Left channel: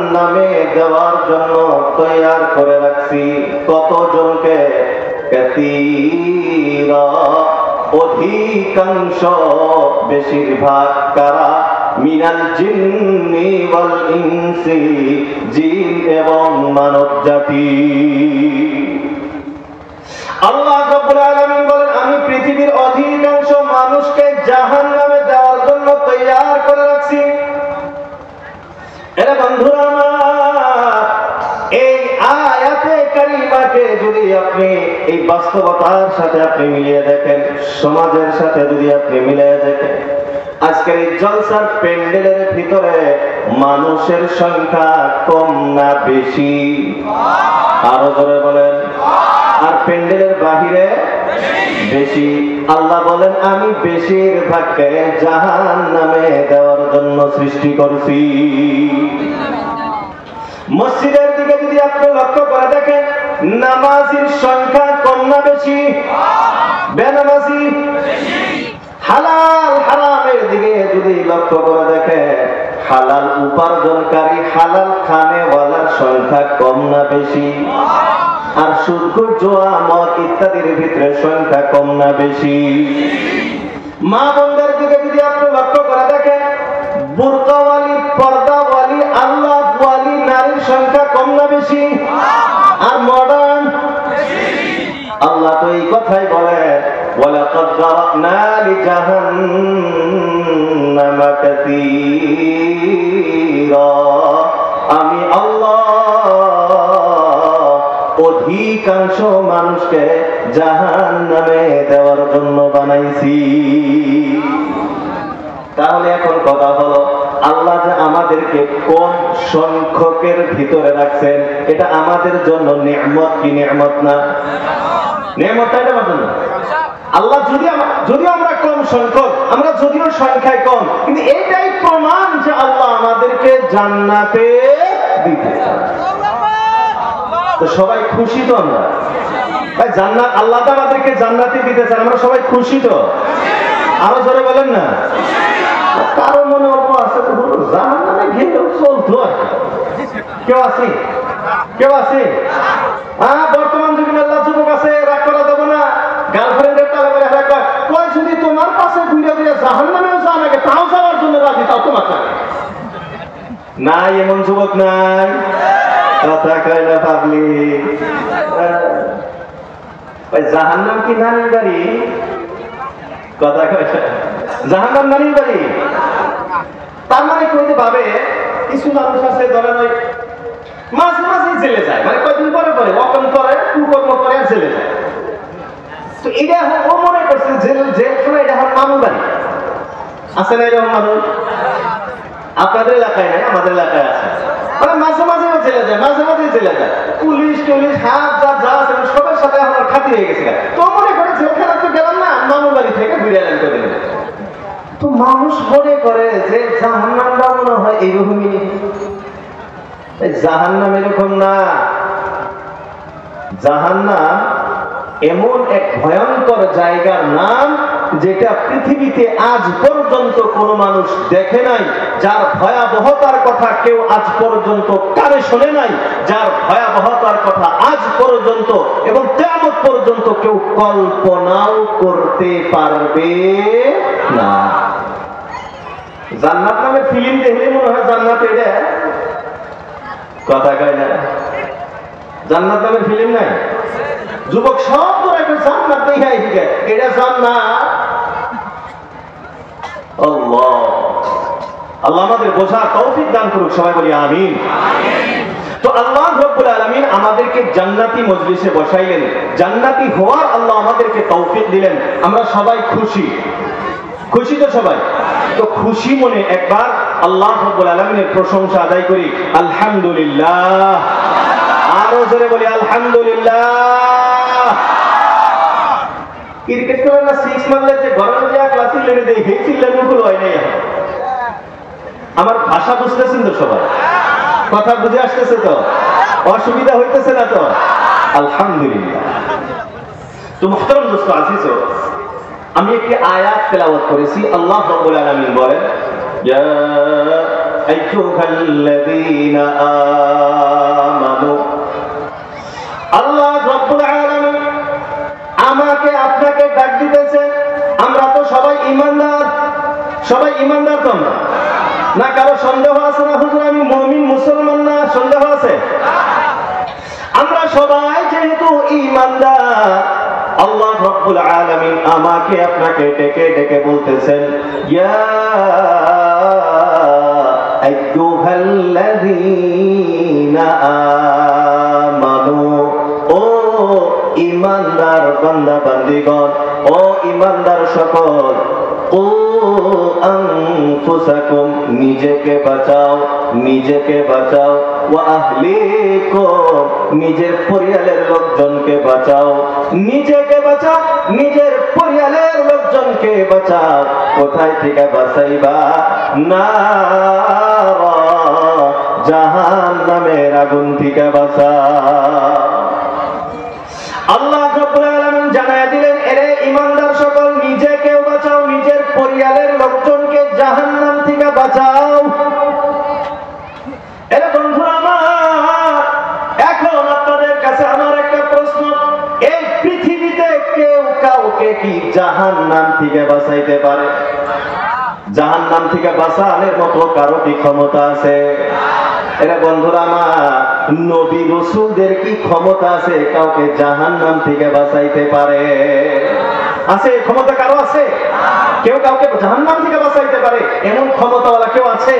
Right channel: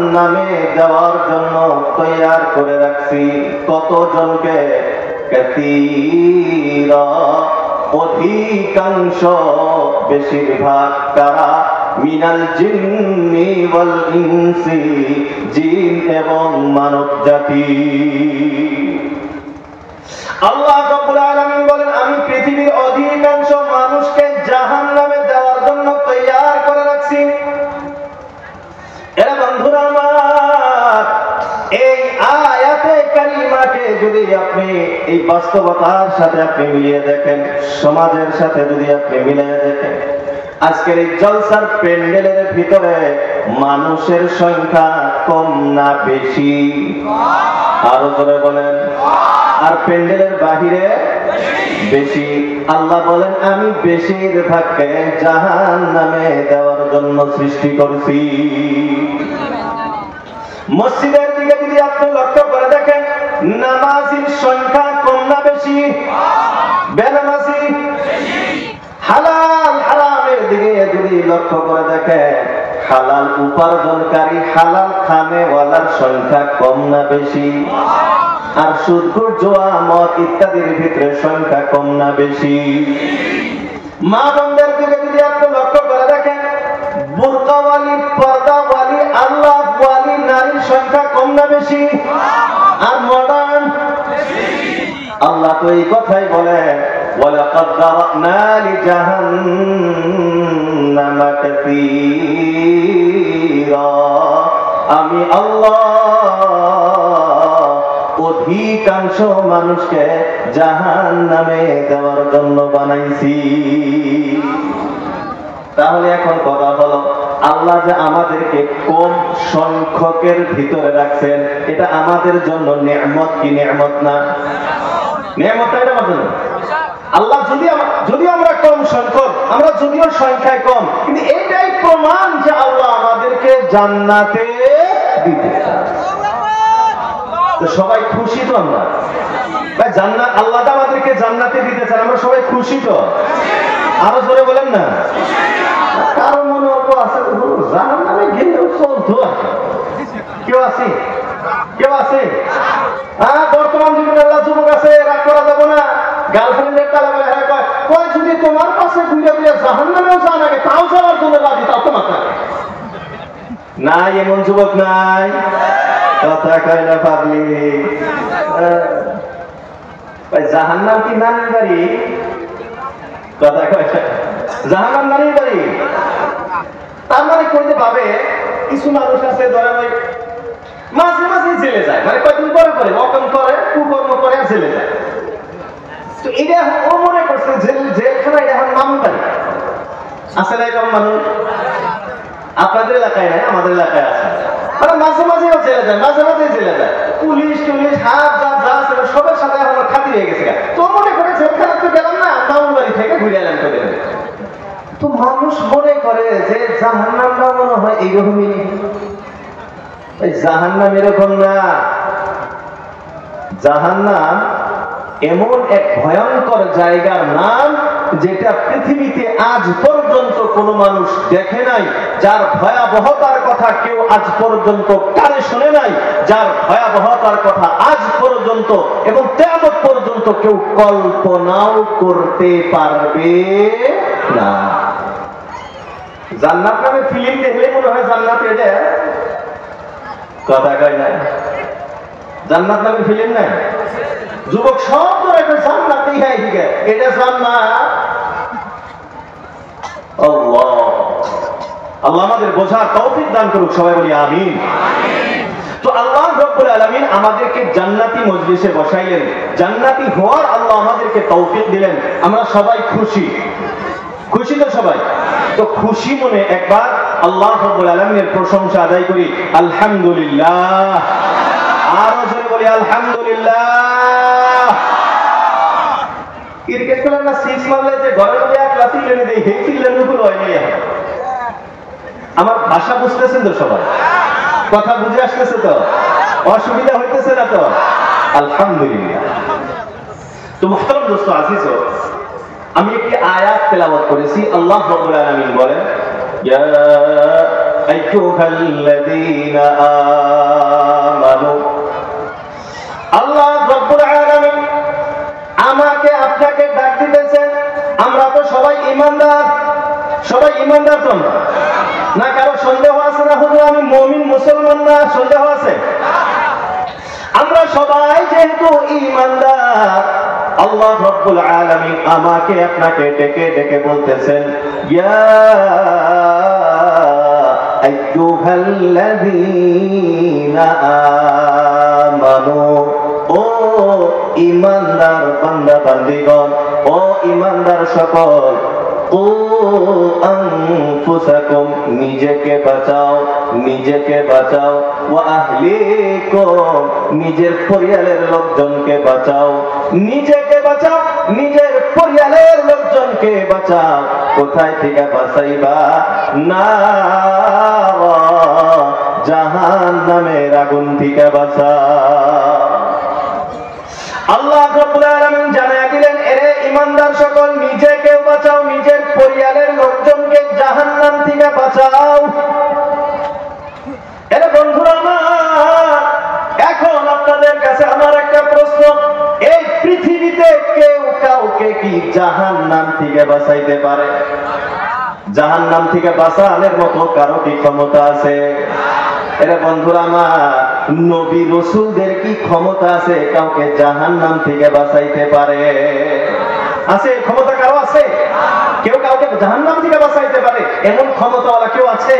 জাহান্নামে দেওয়ার জন্য তৈয়ার করে রাখছি। কতজনকে? কাসীরা, অধিকাংশ, বেশিরভাগ। কারা? মিনাল জিন্নি ওয়াল ইনসি, জিন এবং মানব জাতি। আল্লাহ রাব্বুল আলামিন বলেন, আমি পৃথিবীর অধিকাংশ মানুষকে জাহান্নামে দেওয়ার জন্য তৈয়ার করে রাখছি। এরা বন্ধুরা আমার, এই আয়াতে কারিমাকে যদি আপনি এই বাস্তবতার সাথে আপনি মিলিয়ে দেখেন, সমাজের সাথে যদি আপনি মিলিয়ে দেখেন, আজকের এই জলসার প্যান্ডেলের ভিতরে মানুষের সংখ্যা কম না বেশি? আরো জোরে বলেন। আর প্যান্ডেলের বাহিরে বেশি। আল্লাহ বলেন, আমি বেশিরভাগকে জাহান্নামে দেওয়ার জন্য সৃষ্টি করছি। মসজিদের দিকে যদি আপনি লক্ষ্য করে দেখেন, নামাজির সংখ্যা কম না বেশি? বেনামাজি? হালাল হারামের দিকে যদি লক্ষ্য করে দেখেন, হালাল উপার্জনকারী, হালাল খানেওয়ালার সংখ্যা কম না বেশি? আর সুদ, জুয়া, মদ ইত্যাদির ভিতরে সংখ্যা কম না বেশি? মা বোনদের দিকে যদি আপনি লক্ষ্য করে দেখেন, বুরকাওয়ালি, পর্দাওয়ালি, আল্লাহওয়ালি নারীর সংখ্যা কম না বেশি? আর মডার্ন? আল্লাহ তো এই কথাই বলে, ওয়ালাকাদ যারানা লিজাহান্নামা কাসীরা, আমি আল্লাহ অধিকাংশ মানুষকে জাহান্নামে দেওয়ার জন্য বানাইছি। তাহলে এখন কথা হলো, আল্লাহ যে আমাদেরকে কম সংখ্যকের ভিতরে রাখছেন, এটা আমাদের জন্য নিয়ামত কি নিয়ামত না? নিয়ামত, তাই না? আল্লাহ যদি আমরা কম সংখ্যক, আমরা যদিও সংখ্যায় কম, কিন্তু এটাই প্রমাণ যে আল্লাহ আমাদেরকে জান্নাতে দিতে চান। তো সবাই খুশি তো? আমরা জান্নাত, আল্লাহ আমাদেরকে জান্নাতে দিতে চান, আমরা সবাই খুশি তো? আরো জোরে বলেন না। কারো মনে অল্প আছে, জাহান্নামে গেলেও চলতো। কেউ আছে? কেউ আছে? হ্যাঁ, বর্তমান যুগে আল্লাহ যুবক আছে, রাগ করা যাবে না। গার্লফ্রেন্ডের টাকা বলে কয়, যদি তোমার পাশে ঘুরে দিয়ে জাহান্নামেও যান আগে, তাও যাওয়ার জন্য রাজি, তাও তোমার নাই। এমন যুবক নাই? কথা কয় না পাবলি। জাহান্নাম কি নানির বাড়ি? কথা কয়, জাহান্নাম নানির বাড়ি? তার মানে কইতে ভাবে, কিছু মানুষ আছে ধরেন ওই মাঝে মাঝে জেলে যায়, মানে কয়েকদিন পরে পরে অকম করে, কুকর্ম করে জেলে যায়। তো এটা ও মনে করছে জেলখানা এটা এখন মামুন বাড়ি। আছে না এরকম মানুষ? আপনাদের এলাকায় নাই, আমাদের এলাকায় আছে। মানে মাঝে মাঝে জেলে যায়, মাঝে মাঝে জেলে যায়। পুলিশ টুলিশ হাত যা আছে সবার সাথে আমার খাতি হয়ে গেছে। তো মনে করে জেলখানা তো গেলাম না, মামুন বাড়ি থেকে ঘুরে এলাম কদিন। তো মানুষ মনে করে যে জাহান্নামটা মনে হয় এইরকমই। জাহান্নাম এরকম না। জাহান্নাম এমন এক ভয়ঙ্কর জায়গার নাম, যেটা পৃথিবীতে আজ পর্যন্ত কোনো মানুষ দেখে নাই, যার ভয়াবহতার কথা কেউ আজ পর্যন্ত কানে শুনে নাই, যার ভয়াবহতার কথা আজ পর্যন্ত এবং কিয়ামত পর্যন্ত কেউ কল্পনাও করতে পারবে না। জান্নাত নামে ফিল্ম দেখলে মনে হয় জান্নাত এটা। কথা কয় না? জান্নাত নামে ফিল্ম নাই? যুবক সব তো একটা জান্নাত দেখাই দিকে, এটা জান্নাত। আল্লাহ আল্লাহ আমাদের বোঝার তৌফিক দান করুক, সবাই বলি আমিন। তো আল্লাহ রাব্বুল আলামিন আমাদেরকে জান্নাতি মজলিসে বসাইলেন, জান্নাতি হওয়ার আল্লাহ আমাদেরকে তৌফিক দিলেন। আমরা সবাই খুশি, খুশি তো সবাই? তো খুশি মনে একবার আল্লাহ রাব্বুল আলামিনের প্রশংসা আদায় করি, আলহামদুলিল্লাহ। আরো জোরে বলি আলহামদুলিল্লাহ। ক্রিকেট খেলা না, সিক্স মারলে যে ঘরের মধ্যে এক লাথি লেনে দেয়, এই চিল্লার মুকুল হয় নাই। আমার ভাষা বুঝতেছেন তো সবাই? কথা বুঝে আসতেছে তো? অসুবিধা হইতেছে না তো? আলহামদুলিল্লাহ। তো মুহতারাম দোস্ত আজিজ, আমি একটি আয়াত তেলাওয়াত করেছি। আল্লাহ রাব্বুল আলামিন বলেন, ইয়া আইয়ুহাল্লাযীনা আমানু, আল্লাহ রাব্বুল আলামিন আমাকে আপনাকে ডাক দিতেছে। আমরা তো সবাই ঈমানদার, সবাই ঈমানদার তো না? কারো সন্দেহ আছে না হুজুর আমি মুমিন মুসলমান না? সন্দেহ আছে? আমরা সবাই যেহেতু ঈমানদার, আল্লাহ রাব্বুল আলামিন আমাকে আপনাকে ডেকে ডেকে বলতেছেন, ইয়া আইয়ুহাল্লাযীনা আমানু, ও ঈমানদার বান্দা বান্দীগণ, ও ঈমানদার সকল, ও আনফুসাকুম, নিজেকে বাঁচাও, নিজেকে বাঁচাও, ওয়া আহলিকুম, নিজের পরিবারের লোকজনকে বাঁচাও, নিজেকে বাঁচাও, নিজের পরিবারের লোকজনকে বাঁচাও। কোথায় থেকে বাঁচাইবা? না, জাহান্নামের আগুন থেকে বাঁচাও। আল্লাহ রাব্বুল আলামিন জানায় দিলেন, এরে ঈমানদার সকল, নিজেকে বাঁচাও, নিজের পরিবারের লোকজনকে জাহান্নাম থেকে বাঁচাও। এরে বন্ধুরা আমার, এখন আপনাদের কাছে আমার একটা প্রশ্ন, এই পৃথিবীতে কেউ কাউকে কি জাহান্নাম থেকে বাঁচাইতে পারে? জাহান্নাম থেকে বাঁচানোর মতো কারো কি ক্ষমতা আছে? এরা বন্ধুরা আমার, নবী রাসূলদের কি ক্ষমতা আছে কাউকে জাহান্নাম থেকে বাঁচাইতে পারে? আছে? ক্ষমতা কারো আছে? কেউ কাউকে জাহান্নাম থেকে বাঁচাইতে পারে এমন ক্ষমতাওয়ালা কেউ আছে?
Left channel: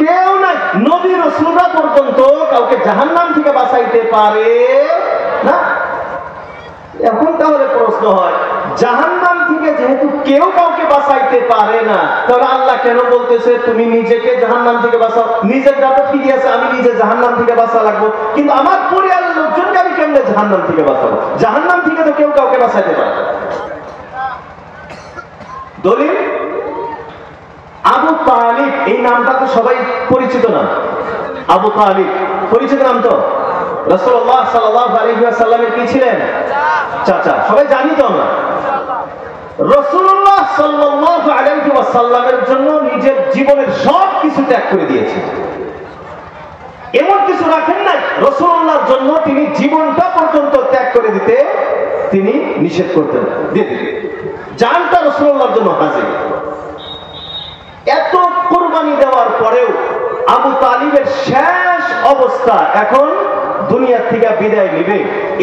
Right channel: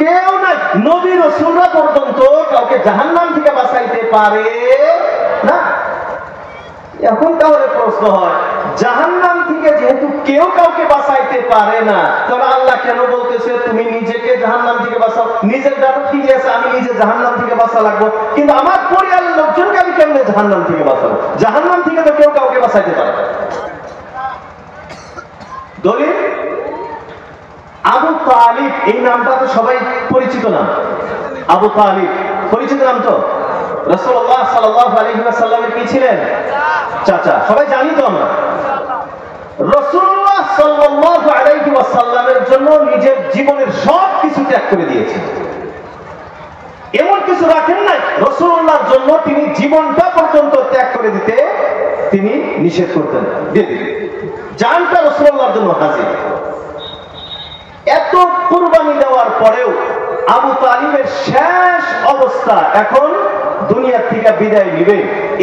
কেউ নাই। নবী রাসূলরা পর্যন্ত কাউকে জাহান্নাম থেকে বাঁচাইতে পারে না। এখন তাহলে প্রশ্ন হয়, জাহান্নাম থেকে যেহেতু কেউ কাউকে বাঁচাইতে পারে না, তাহলে আল্লাহ কেন বলতেছে তুমি নিজেকে জাহান্নাম থেকে বাঁচাও? নিজের যা ঠিক আছে, আমি নিজে জাহান্নাম থেকে বাঁচা লাগবো, কিন্তু আমার পরিবারের লোকজনকে আমি কেমনে জাহান্নাম থেকে বাঁচাবো? জাহান্নাম থেকে তো কেউ কাউকে বাঁচাইতে পারে। দলিল আবু তালিব, এই নামটা তো সবাই পরিচিত নাম। আবু তালিব পরিচিত নাম তো? রাসূলুল্লাহ সাল্লাল্লাহু আলাইহি ওয়াসাল্লামের কি ছিলেন? চাচা। সবাই জানি তো আমরা। রাসূলুল্লাহ সাল্লাল্লাহু আলাইহি ওয়াসাল্লামের জন্য নিজের জীবনের সব কিছু ত্যাগ করে দিয়েছেন। এমন কিছু রাখেন নাই রাসূলুল্লাহর জন্য তিনি জীবনটা পর্যন্ত ত্যাগ করে দিতে তিনি নিষেধ করতেন, দিয়ে দিতেন। জানটা রাসূলুল্লাহর জন্য হাজির। এত কুরবানি দেওয়ার পরেও আবু তালিবের শেষ অবস্থা, এখন দুনিয়া থেকে বিদায় নিবে,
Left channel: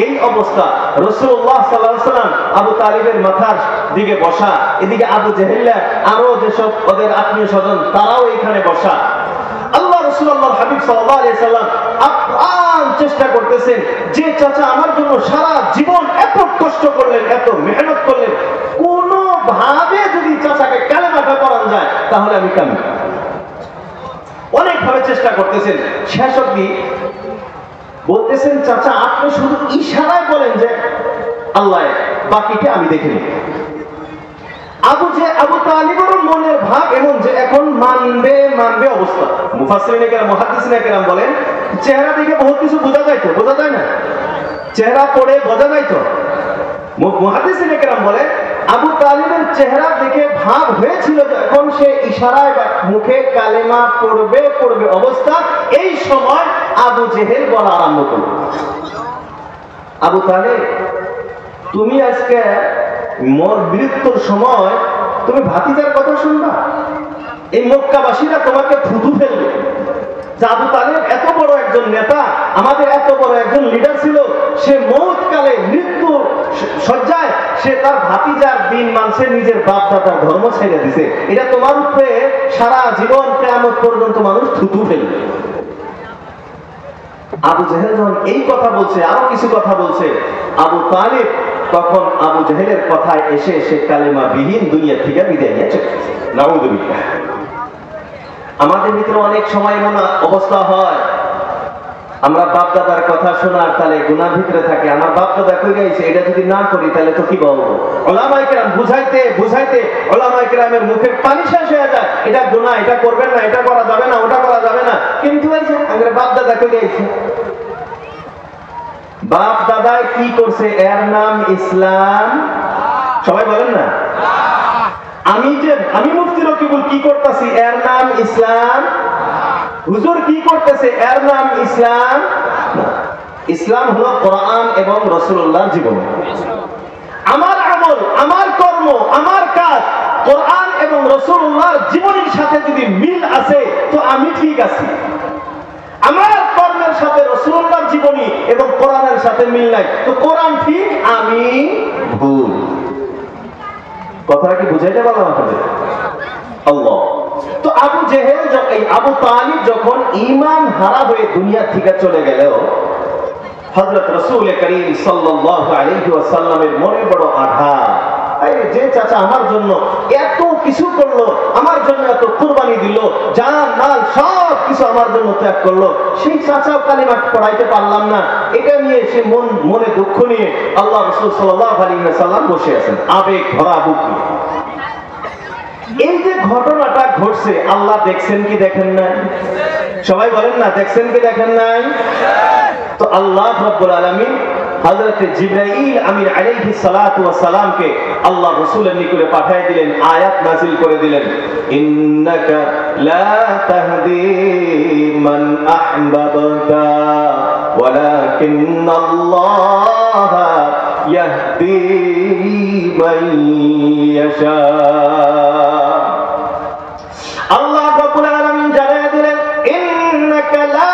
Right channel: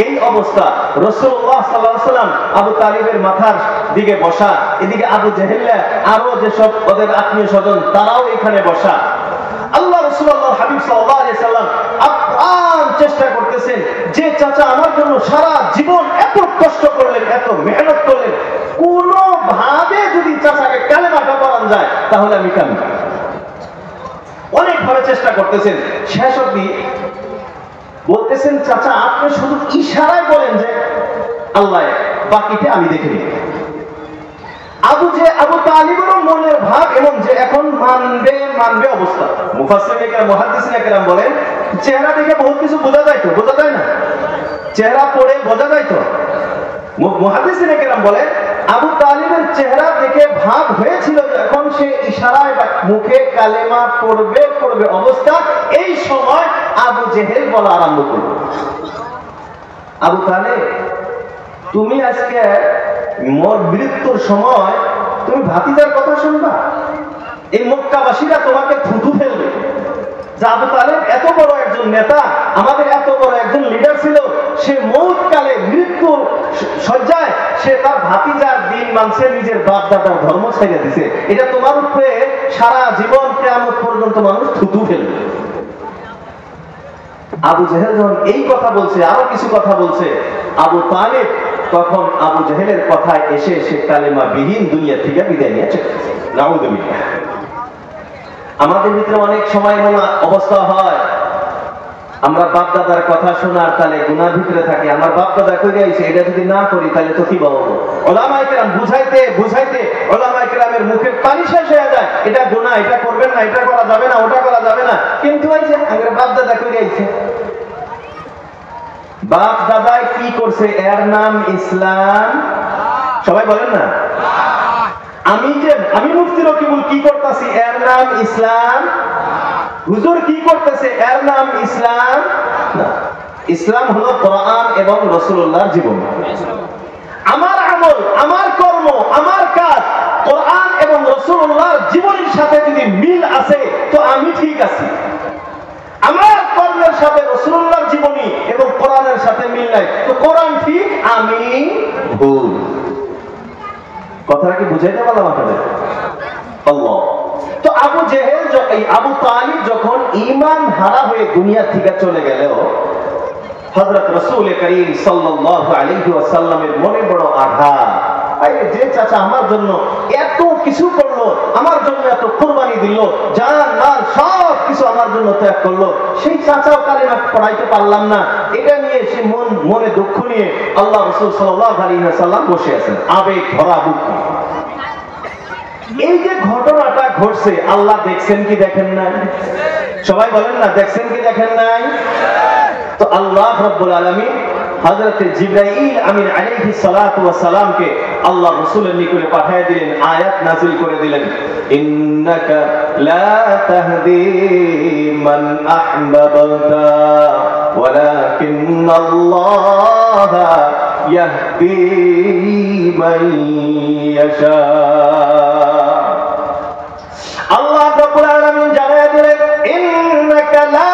এই অবস্থা। রাসূলুল্লাহ সাল্লাল্লাহু আলাইহি ওয়াসাল্লাম আবু তালিবের মাথার দিকে বসা, এদিকে আবু জেহেল আরো যেসব ওদের আত্মীয় স্বজন তারাও এখানে বসা। আল্লাহ রাসূলুল্লাহ হাবিব সাল্লাল্লাহু আলাইহি ওয়াসাল্লাম আপ্রাণ চেষ্টা করতেছেন যে চাচা আমার জন্য সারা জীবন এত কষ্ট করলেন, এত মেহনত করলেন, কোন ভাবে যদি চাচাকে কালেমাটা পড়ানো যায় তাহলে আমি কামি। অনেক ভাবে চেষ্টা করতেছেন, শেষ অবধি বলতেছেন চাচা আপনি শুধু ইশারায় বলেন যে আল্লাহ, বাকিটা আমি দেখে নিই। আবু তালিবের মনের ভাব এমন যে এখন মানবে মানবে অবস্থা। মুফাসসিরিনে কেরাম, মুহাদ্দিসিনে কেরাম বলেন চেহারা দেখে বহুত কিছু বোঝা যায় তো, বোঝা যায় না? চেহারা পড়ে বোঝা যায় তো। মুহাদ্দিসিনে কেরাম বলেন আবু তালিবের চেহারা দেখে ভাব হয়েছিল যখন সে ইশারায় মুখে কালেমা পড়বে অবস্থা, এই সময় আবু জেহেল বলা আরম্ভ করল, আবু তালিব তুমি আজকে মোর মৃত্যুর সময় তুমি ভাতিজার কথা শুনবা? এই মক্কাবাসীরা তোমাকে থুতু ফেলবে। আবু তালিব এত বড় একজন নেতা, আমাদের এত বড় একজন লিডার ছিল, সে মৌত কালে মৃত্যুর শয্যায় সে তার ভাতিজার দিন মানছে, নিজের বাপ দাদার ধর্ম ছেড়ে দিছে। এটা তোমার উপরে সারা জীবন কিয়ামত পর্যন্ত মানুষ থুতু ফেলবে। আবু জেহেল যখন এই কথা বলছে, আরো কিছু কথা বলছে, আবু তালিব তখন আবু জেহেলের কথায় এসে সে কালেমা বিহীন দুনিয়া থেকে বিদায় নিয়েছে। নাউযুবিল্লাহ। আমাদের ভিতরে অনেক সময় এমন অবস্থা হয়, আমরা বাপ দাদার কথা শোনার তালে গুনার ভিতরে থাকি, আমার বাপ দাদা করে আইছে, এটা যদি না করি তাহলে তো কি বলবো? উলামায়ে কেরাম বুঝাইতে উলামায়ে কেরামের মুখের পানি শেষ হয়ে যায়, এটা গুনাহ, এটা করবেন না, এটা করা যাবে না, ওটা করা যাবে না, কিন্তু এই যে আমাদের বাপ দাদা করে আইছে। বাপ দাদায় কি করছে? এর নাম ইসলাম। সবাই বলেন না? আমি মুফতি রকিবুল কি করতেছি এর নাম ইসলাম? হুজুর কি করতেছে এর নাম ইসলাম? ইসলাম হলো কোরআন এবং রাসূলুল্লাহর জীবন। আমার আমল, আমার কর্ম, আমার কাজ কোরআন এবং রাসূলুল্লাহর জীবনের সাথে যদি মিল আছে তো আমি ঠিক আছি। আমার কর্মের সাথে রাসূলুল্লাহর জীবনী এবং কোরআনের সাথে মিল নাই তো কোরআন ঠিক, আমি ভুল। কথাটা কি বুঝাইতে পারলাম আপনাদের? আল্লাহ। তো আবু তালিব যখন ঈমান হারা হয়ে দুনিয়া থেকে চলে গেল, হযরত রাসূল করিম সাল্লাল্লাহু আলাইহি ওয়াসাল্লামের মনে বড় আঘাত। যে চাচা আমার জন্য এত কিছু করলো, আমার জন্য এত কুরবানি দিল, জান মাল সব কিছু আমার জন্য ত্যাগ করলো, সেই চাচাও কালিমা পড়াইতে পারলাম না, এটা নিয়ে সে মনে দুঃখ নিয়ে আল্লাহ রাসূল সাল্লাল্লাহু আলাইহি ওয়াসাল্লাম বসে আছেন আবেগ ভরা বুক নিয়ে। এই যে ঘটনাটা ঘটছে আল্লাহ দেখছেন কি দেখেন নাই? সবাই বলেন না, দেখছেন কি দেখেন নাই? তো আল্লাহ রাব্বুল আলামিন হযরত জিবরাইল আমিন আলাইহিস সালাতু ওয়াস সালামকে আল্লাহ রাসূলের নিকটে পাঠিয়ে দিলেন, আয়াত নাযিল করে দিলেন, ইন্নাকা লা তাহদি মান আহবাবতা ওয়ালাকিন্নাল্লাহ ইয়াহদি মান ইয়াশা। আল্লাহ রাব্বুল আলামিন জানিয়ে দিলেন, ইন্নাকা লা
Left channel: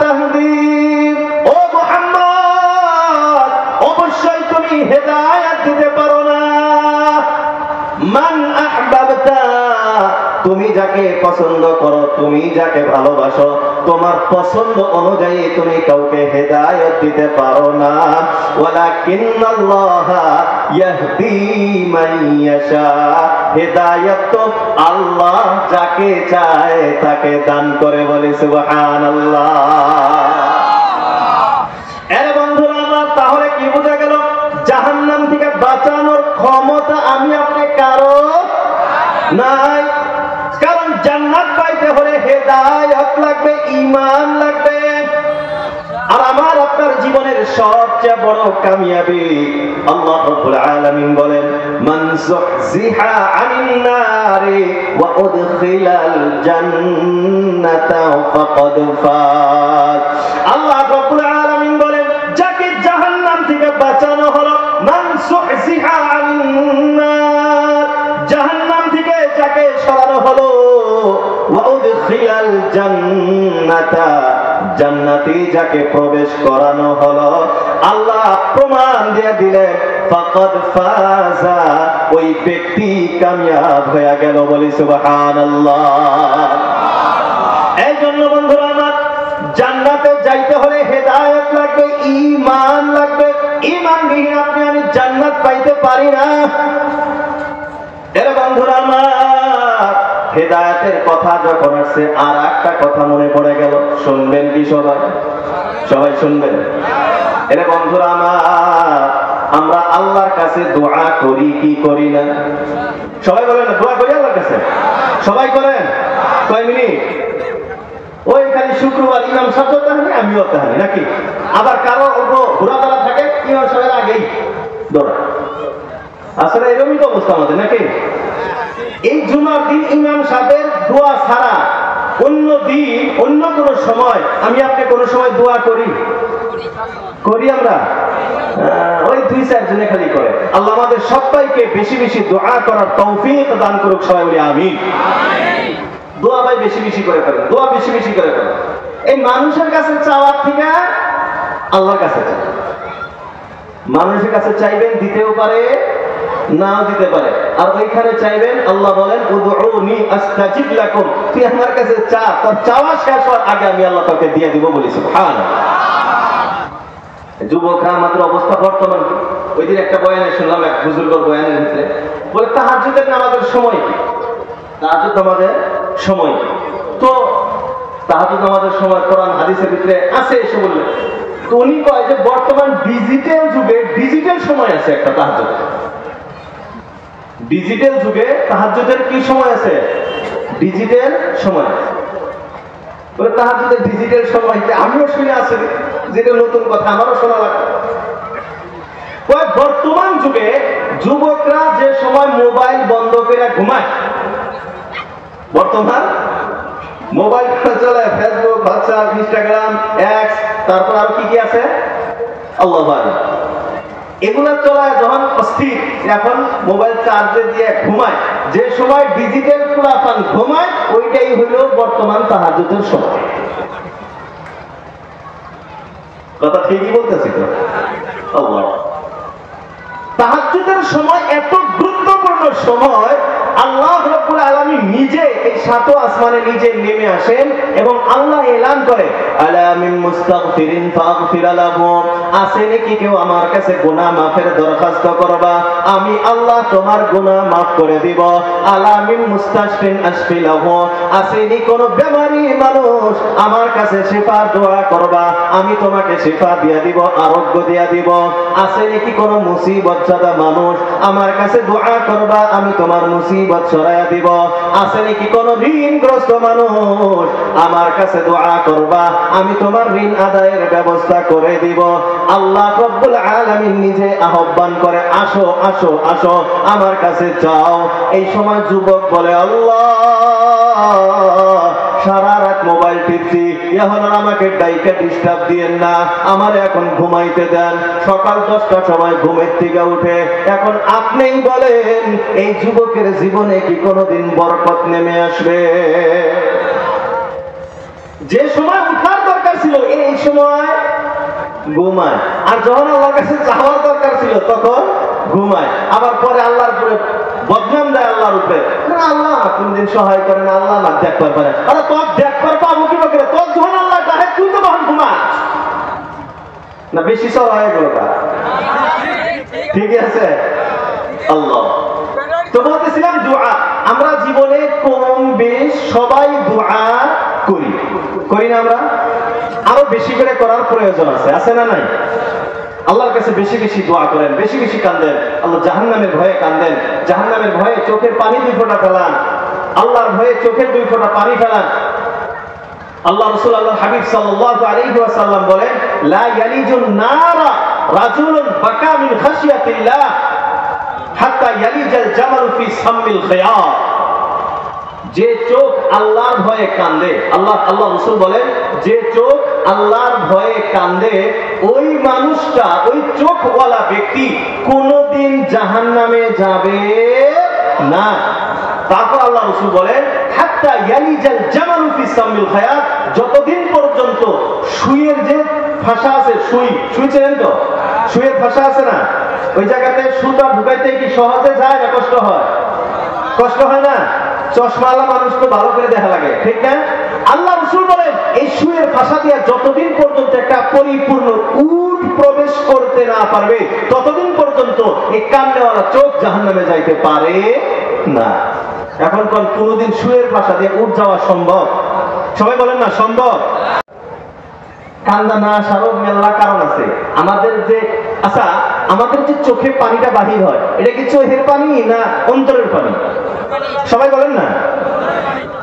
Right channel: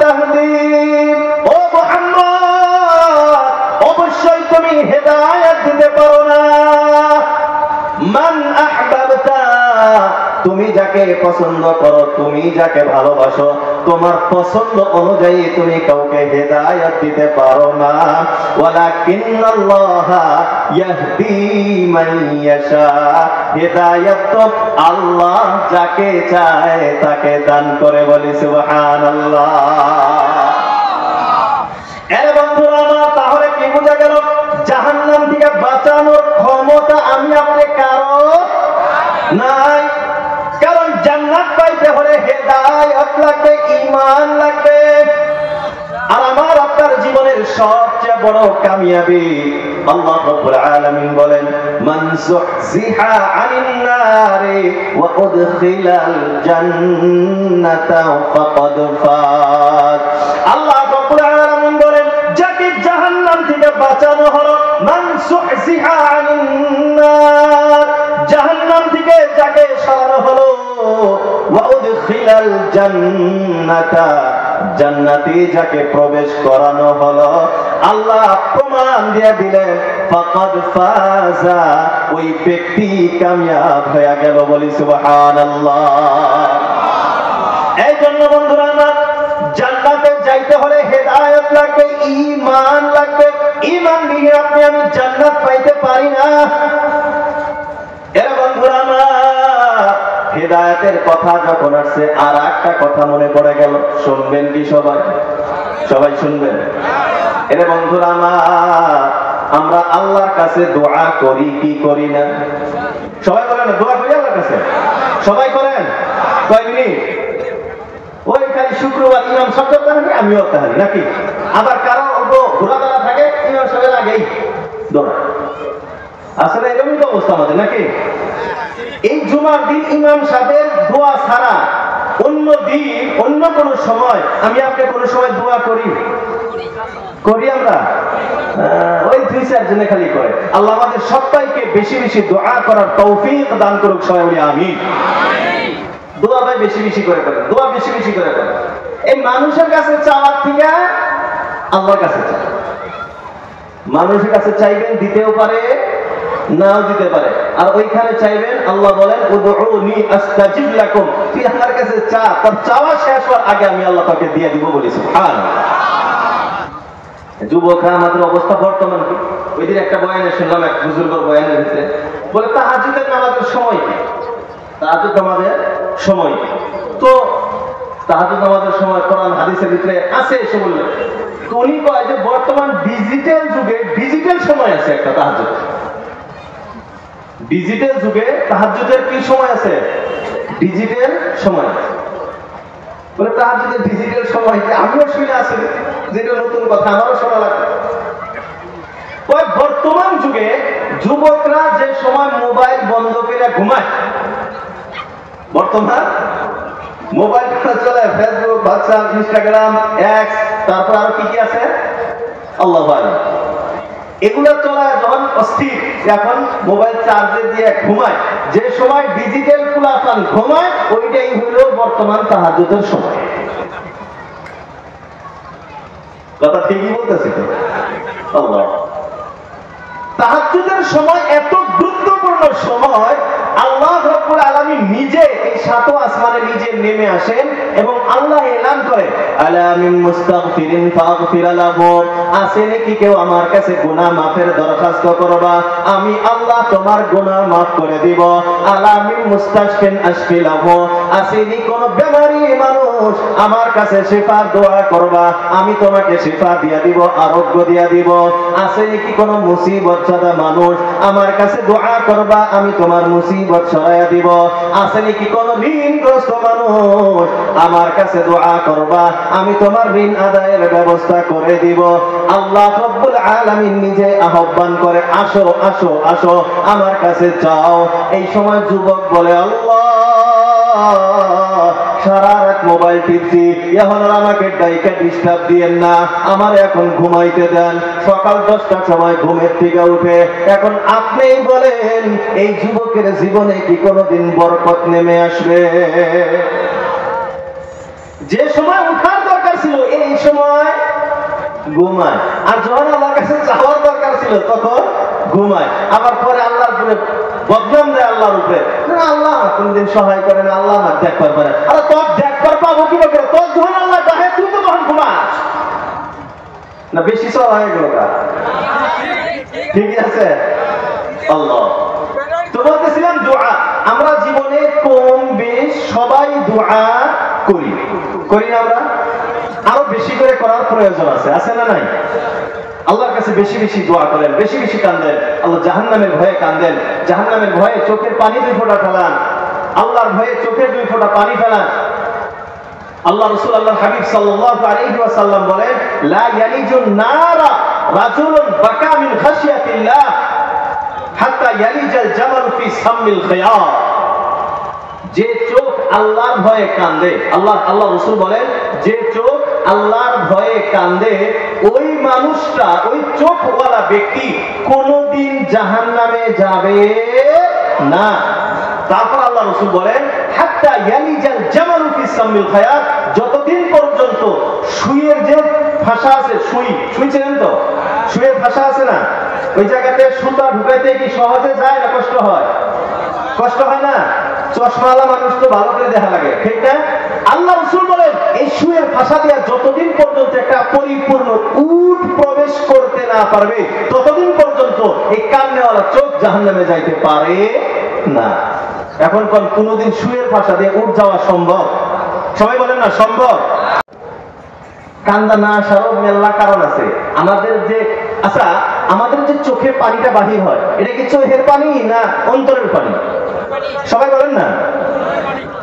তাহদি, ও মুহাম্মদ অবশ্যই তুমি হেদায়েত দিতে পারো না, মান আহবাবতা, তুমি যাকে পছন্দ করো, তুমি যাকে ভালোবাসো, তোমার পছন্দ অনুযায়ী তুমি কাউকে হেদায়েত দিতে পারো না, ওয়ালাকিন্নাল্লাহ ইয়াহদি মান ইয়াশা, হেদায়েত তো আল্লাহ যাকে চায় তাকে দান করে। বলে সুবহানাল্লাহ। এর বন্ধুরা আমার, তাহলে কি বোঝা গেল? জাহান্নাম থেকে বাঁচানোর ক্ষমতা আমি আপনি কারো নাই। কারণ জান্নাত পাইতে হলে হেদায়েত লাগবে, ঈমান লাগবে। আর আমার আপনার জীবনের সবচেয়ে বড় কামিয়াবি আল্লাহ রাব্বুল আলামিন বলেন, মান যুহজিহা আনিন নারি ওয়া উদখিলাল জান্নাতা ফাকাদ ফাত। আল্লাহ রাব্বুল আলামিন বলেন, যাকে জাহান্নাম থেকে বাঁচানো হলো, মান যুহজিহা আনিন নার, জাহান্নাম থেকে যাকে সরানো হলো, ওয়া উদখিলাল জান্নাতা, জান্নাতে যাকে প্রবেশ করানো হলো, আল্লাহ প্রমাণ দিয়ে দিলেন, ফাকাদ ফাজা, ওই ব্যক্তি কামিয়াব হয়ে গেল। বলি সুবহানাল্লাহ। এই জন্য বন্ধুরা আমার, জান্নাতে যাইতে হলে হেদায়েত লাগবে, ঈমান লাগবে। ঈমান নিয়ে আপনি আমি জান্নাত পাইতে পারি না। এর বন্ধুরা আমার, হেদায়েতের কথা যখন আসছে আর একটা কথা মনে পড়ে গেল, শুনবেন কি সবাই? সবাই শুনবেন? এরে বন্ধুরা আমার, আমরা আল্লাহর কাছে দোয়া করি কি করি না? সবাই বলেন দোয়া করি আল্লাহর কাছে? সবাই করেন? কয় মিনিট? ওই খালি শুক্রবার ইমাম সাহেব তাহলে আমিও তাহলে নাকি? আবার কারো ঘোরাফেরা থাকে, ইমাম সাহেব আগেই দোয়া। আসলে এরকমই তো অবস্থা আমাদের নাকি? এই জুমার দিন ইমাম সাহেবের দোয়া ছাড়া অন্য দিন, অন্য কোন সময় আমি আপনি কোন সময় দোয়া করি? করি আমরা? ওই 2-4 জনে খালি করে। আল্লাহ আমাদের সবাইকে বেশি বেশি দোয়া করার তৌফিক দান করুক। সবাই বলি আমিন। দোয়া ভাই বেশি বেশি করে করেন, দোয়া বেশি বেশি করে করেন। এই মানুষের কাছে চাওয়ার থেকে আল্লাহর কাছে চান। মানুষের কাছে চাইবেন, দিতেও পারে নাও দিতে পারে। আর ওইখানে চাইবেন, আল্লাহ বলেন উদউনি আস্তাজিব লাকুম, তুই আমার কাছে চা, তোর চাওয়া শেষ হওয়ার আগে আমি আল্লাহ তোকে দিয়ে দিব। বলি সুবহানাল্লাহ। যুবকরা আমাদের অবস্থা বর্তমান কি? ওই দিন একটা বয়ানে শুনলাম, এক বুজুর্গের বয়ানের ভিতরে বলে তাহাজ্জুদের নামাজের সময় কি? তাহাজ্জুদ নামাজের সময় কি? তো তাহাজ্জুদ নামাজের সময় কোরআন হাদিসের ভিতরে আছে এসে বললেন, তো উনি কয় যে বর্তমান ডিজিটাল যুগে ডিজিটাল সময় আছে একটা তাহাজ্জুদ। ডিজিটাল যুগে তাহাজ্জুদের কি সময় আছে? ডিজিটাল সময়। বলে তাহাজ্জুদের ডিজিটাল সময় কি? আমিও শুনে আসি, যেটা নতুন কথা, আমারও শোনা লাগে। বর্তমান যুগে যুবকরা যে সময় মোবাইল বন্ধ করে ঘুমায়, বর্তমান মোবাইল চলে, ফেসবুক, হোয়াটসঅ্যাপ, ইনস্টাগ্রাম, এক্স, তারপর আর কি কি আছে আল্লাহু আ'লাম, এগুলো চলে যখন অস্থির, এখন মোবাইল চার্জে দিয়ে ঘুমায়, যে সময় ডিজিটাল কুলাপান ঘুমায়, ওইটাই হইল বর্তমান তাহাজ্জুদের সময়। কথা ঠিকই বলতেছি তো? আল্লাহ, তাহাজ্জুদের সময় এত গুরুত্বপূর্ণ সময়, আল্লাহ রাব্বুল আলামিন নিজে এই সাত আসমানে নিজে নেমে আসেন এবং আল্লাহ এলান করে, আলা মিন মুস্তাগফিরিন ফাগফির লাহু, আছে নাকি কেউ আমার কাছে গুনাহ মাফের দরখাস্ত করবা, আমি আল্লাহ তোমার গুনাহ মাফ করে দিব। আলা মিন মুস্তাশফিন আশফি লাহু, আছে নাকি কোন বেমারি মানুষ আমার কাছে শিফা দোয়া করবা, আমি তোমাকে শিফা দিয়া দিব, আরোগ্য দিয়া দিব। আছে নাকি কোন মুসিবতজদা মানুষ আমার কাছে দোয়া করবা, আমি তোমার মুসিবত সরাইয়া দিব। আছে নাকি কোন ঋণগ্রস্ত মানুষ আমার কাছে দোয়া করবা, আমি তোমার ঋণ আদায়ের ব্যবস্থা করে দিব। আল্লাহ রাব্বুল আলামিন নিজে আহ্বান করে, আসো আসো আসো আমার কাছে যাও। এই সময় যুবক বলে, আল্লাহ সারা রাত মোবাইল টিপছি, এখন আমাকে ডাইকা ডিস্টার্ব দিয়েন না, আমার এখন ঘুমাইতে দেন। সকাল 10টার সময় ঘুমের থেকে উঠে এখন আপনিই বলেন, এই যুবকের জীবনে কি কোনোদিন বরকত নেমে আসবে? যে সময় উঠার দরকার ছিল এই সময় ঘুমায়, আর যখন আল্লাহর কাছে যাওয়ার দরকার ছিল তখন ঘুমায়। আবার পরে আল্লাহর উপরে বদনাম দেয়, আল্লাহর উপরে, আল্লাহ কোনদিন সহায় করেন, আল্লাহ না দেখবার পারে, তোর দেখবার পাবো কি করে, তোর যখন আল্লাহ দেখে তুই তো তখন ঘুমাস না। বেশি সব হয়ে গেল, ঠিক আছে? আল্লাহ তো বলতেছিলাম দোয়া, আমরা জীবনে কম বেশ সবাই দোয়া করি, করি না? আমরা আরো বেশি করে করার প্রয়োজন আছে, আছে না নাই? আল্লাহর কাছে বেশি বেশি দোয়া করেন, বেশি বেশি কান্দেন। আল্লাহ জাহান্নামের ভয়ে কান্দেন, জাহান্নামের ভয়ে চোখের পানি 2 ফোঁটা ফেলান, আল্লাহর ভয়ে চোখের 2 ফোঁটা পানি ফেলান। আল্লাহ রাসূল আল্লাহর হাবিব সাল্লাল্লাহু আলাইহি ওয়াসাল্লাম বলেন, লা ইয়ালিজুন নারা রাজুলুন বাকা মিন খাশিয়াতিল্লাহ হাত্তা ইয়ালিজাল জামাল ফি সাম্মিল খিয়ার। যে চোখ আল্লাহর ভয়ে কান্দে, আল্লাহ রাসূল বলেন, যে চোখ আল্লাহর ভয়ে কান্দে, ওই মানুষটা, ওই চোখওয়ালা ব্যক্তি কোনদিন জাহান্নামে যাবে না। তারপর আল্লাহ রাসূল বলেন, হাত্তা ইয়ালিজাল জামালু ফি সাম্মিল খিয়ার, যতদিন পর্যন্ত সুইয়ের যে ফাঁসা আছে, সুই চেনেন তো? সুইয়ের ফাঁসা আছে না, ওই জায়গাতে সুতা ঢুকাইতে কি সহজে যায় না কষ্ট হয়? কষ্ট হয় না? চশমাওয়ালা মানুষ তো ভালো করে দেখা লাগে, ঠিক না? আল্লাহ রাসূল বলেন, এই সুয়ের ভাষা দিয়ে যতদিন পর্যন্ত একটা পরিপূর্ণ উট প্রবেশ করতে না পারবে, ততদিন পর্যন্ত এই কান্নাওয়ালা চোখ জাহান্নামে যাইতে পারে না। এখন কোনদিন সুয়ের ভাষা দিয়ে উট যাওয়া সম্ভব? সবাই বলেন না সম্ভব? কান্দা না আসারও মেলা কারণ আছে। আমাদের যে আমাদের যে চোখে পানিটা বাহির হয়, এটা কি চোখের পানি না অন্তরের পানি? সবাই বলেন না।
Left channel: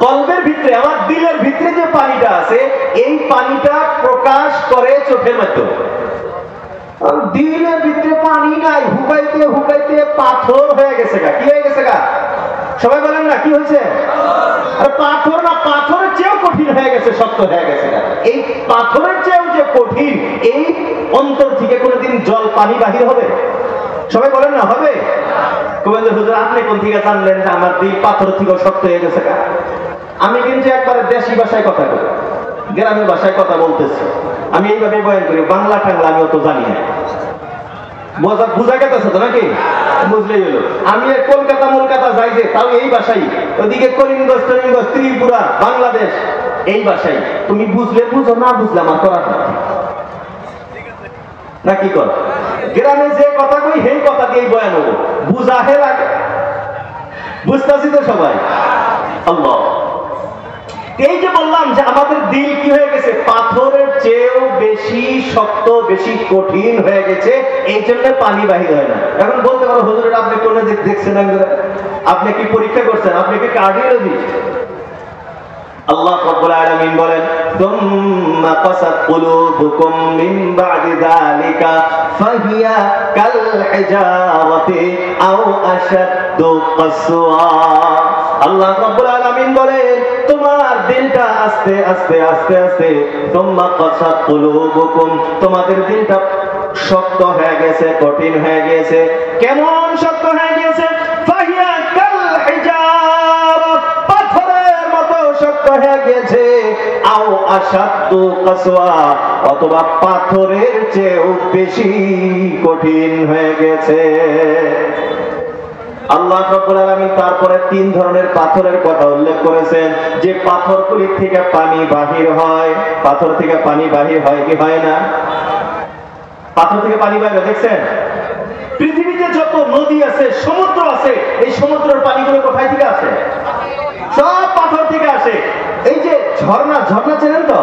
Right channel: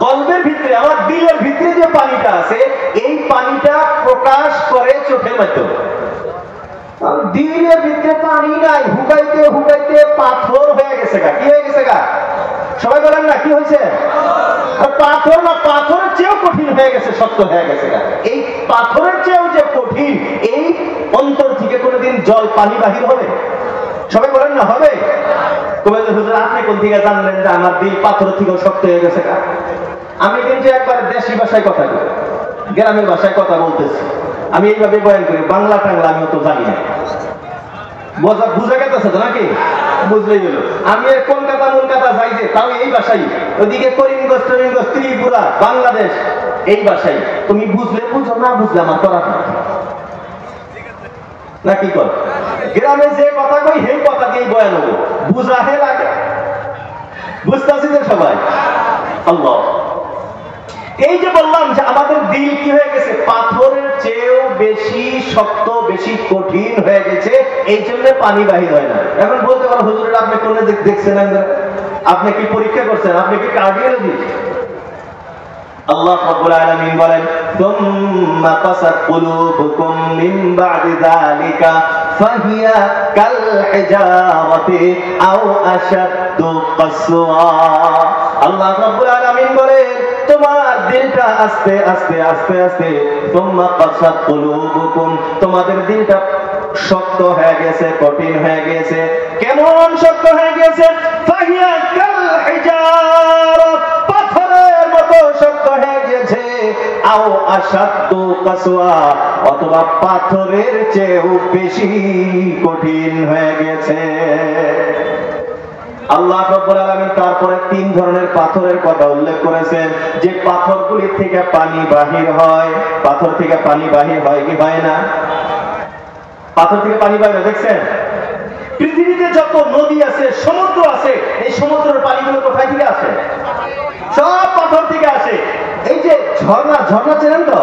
কলবের ভিতরে, আমার দিলের ভিতরে যে পানিটা আছে, এই পানিটা প্রকাশ করে চোখের মাধ্যমে। দিলের ভিতরে পানি নাই, হুকাইতে হুকাইতে পাথর হয়ে গেছে গা। কি হয়ে গেছে গা? সবাই বলেন না, কি হয়েছে? পাথর না, পাথরের চেয়েও কঠিন হয়ে গেছে, শক্ত হয়ে গেছে। এই পাথরের চেয়েও যে কঠিন, এই অন্তর থেকে কোনোদিন জল পানি বাহির হবে? সবাই বলেন না হবে? হুজুর আপনি কোন থেকে জানলেন যে আমার দিল পাথর থেকে শক্ত হয়ে গেছে? আমি কিন্তু একবারে দেশি ভাষায় কথা বলি, গ্রামের ভাষায় কথা বলতেছি। আমি এইভাবে বয়ান করি, বাংলা টাংলা আমি অত জানি না। বুঝা গেছে তো নাকি? বুঝলেই হলো। আমি কলকাতা যাই যে, তাও এই ভাষাই। ওদিকে করিমগঞ্জ টরিমগঞ্জ ত্রিপুরা বাংলাদেশ, এই ভাষাই। তুমি বুঝলে বুঝো, না বুঝলে আমার করার নাকি কর। গ্রামে যে কথা কই সেই কথা দিয়েই বয়ান হবো, বুঝাহে লাগে। বুঝতেছি তো সবাই? আল্লাহ, এই যে বললাম যে আমাদের দিল কি হয়ে গেছে, পাথরের চেয়েও বেশি শক্ত, বেশি কঠিন হয়ে গেছে, এই জন্য পানি বাহির হয় না। এখন বলতে পারো, হুজুর আপনি কোন দিক দেখছেন, আপনি কি পরীক্ষা করছেন, আপনি কি কার্ডিওলজিস্ট? আল্লাহ রাব্বুল আলামিন বলেন, সুম্মা কাসাত কুলুবুকুম মিন বা'দি যালিকা ফাহিয়া কাল হিজারাতি আও আশাদ্দু কাসওয়া। আল্লাহ রাব্বুল আলামিন বলেন, তোমার দিলটা আস্তে আস্তে আস্তে আস্তে সুম্মা কাসাত কুলুবুকুম, তোমাদের দিলটা শক্ত হয়ে গেছে, কঠিন হয়ে গেছে। কেমন শক্ত হয়ে গেছে? ফাহিয়া কাল হিজারা, পাথরের মতো শক্ত হয়ে গেছে। আও আশাদ্দু কাসওয়া, অথবা পাথরের চেয়েও বেশি কঠিন হয়ে গেছে। আল্লাহ রাব্বুল আলামিন তারপরে 3 ধরনের পাথরের কথা উল্লেখ করেছেন, যে পাথরগুলি থেকে পানি বাহির হয়। পাথর থেকে পানি বাহির হয় কি হয় না? পাথর থেকে পানি বাহির, দেখছেন? পৃথিবীতে যত নদী আছে, সমুদ্র আছে, এই সমুদ্রের পানিগুলো কোথায় থেকে আসে? সব পাথর থেকে আসে। এই যে ঝর্ণা, ঝর্ণা চেনেন তো?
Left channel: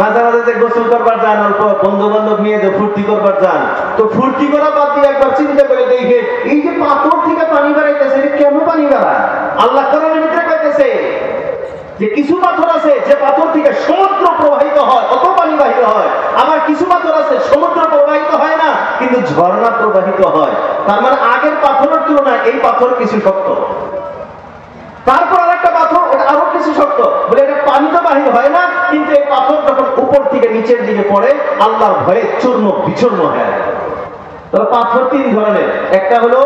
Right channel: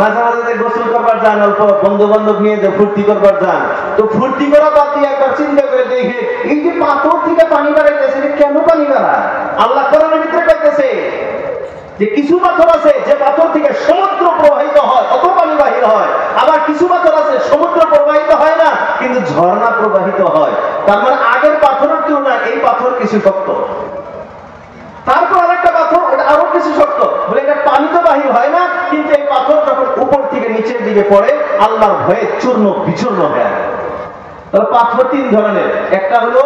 মাঝে মাঝে গোসল করবার যান, অল্প বন্ধু বান্ধব নিয়ে যে ফুর্তি করবার যান, তো ফুর্তি করা বাদ দিয়ে একবার চিন্তা করে দেখে, এই যে পাথর থেকে পানি বাড়াইতেছে, কেন পানি বাড়ায়? আল্লাহ কোরআনের ভিতরে কইতেছে যে কিছু পাথর আছে যে পাথর থেকে সমুদ্র প্রবাহিত হয়, অত পানি বাহির হয়। আবার কিছু পাথর আছে সমুদ্র প্রবাহিত হয় না, কিন্তু ঝর্ণা প্রবাহিত হয়। তার মানে আগের পাথরের তুলনায় এই পাথর কিছু শক্ত। তারপর আরেকটা পাথর, এটা আরো কিছু শক্ত, বলে এটা পানি তো বাহির হয় না, কিন্তু এই পাথর যখন উপর থেকে নিচের দিকে পড়ে, আল্লাহর ভয়ে চূর্ণ বিচূর্ণ হয়ে যায়। তাহলে পাথর 3 ধরনের, একটা হলো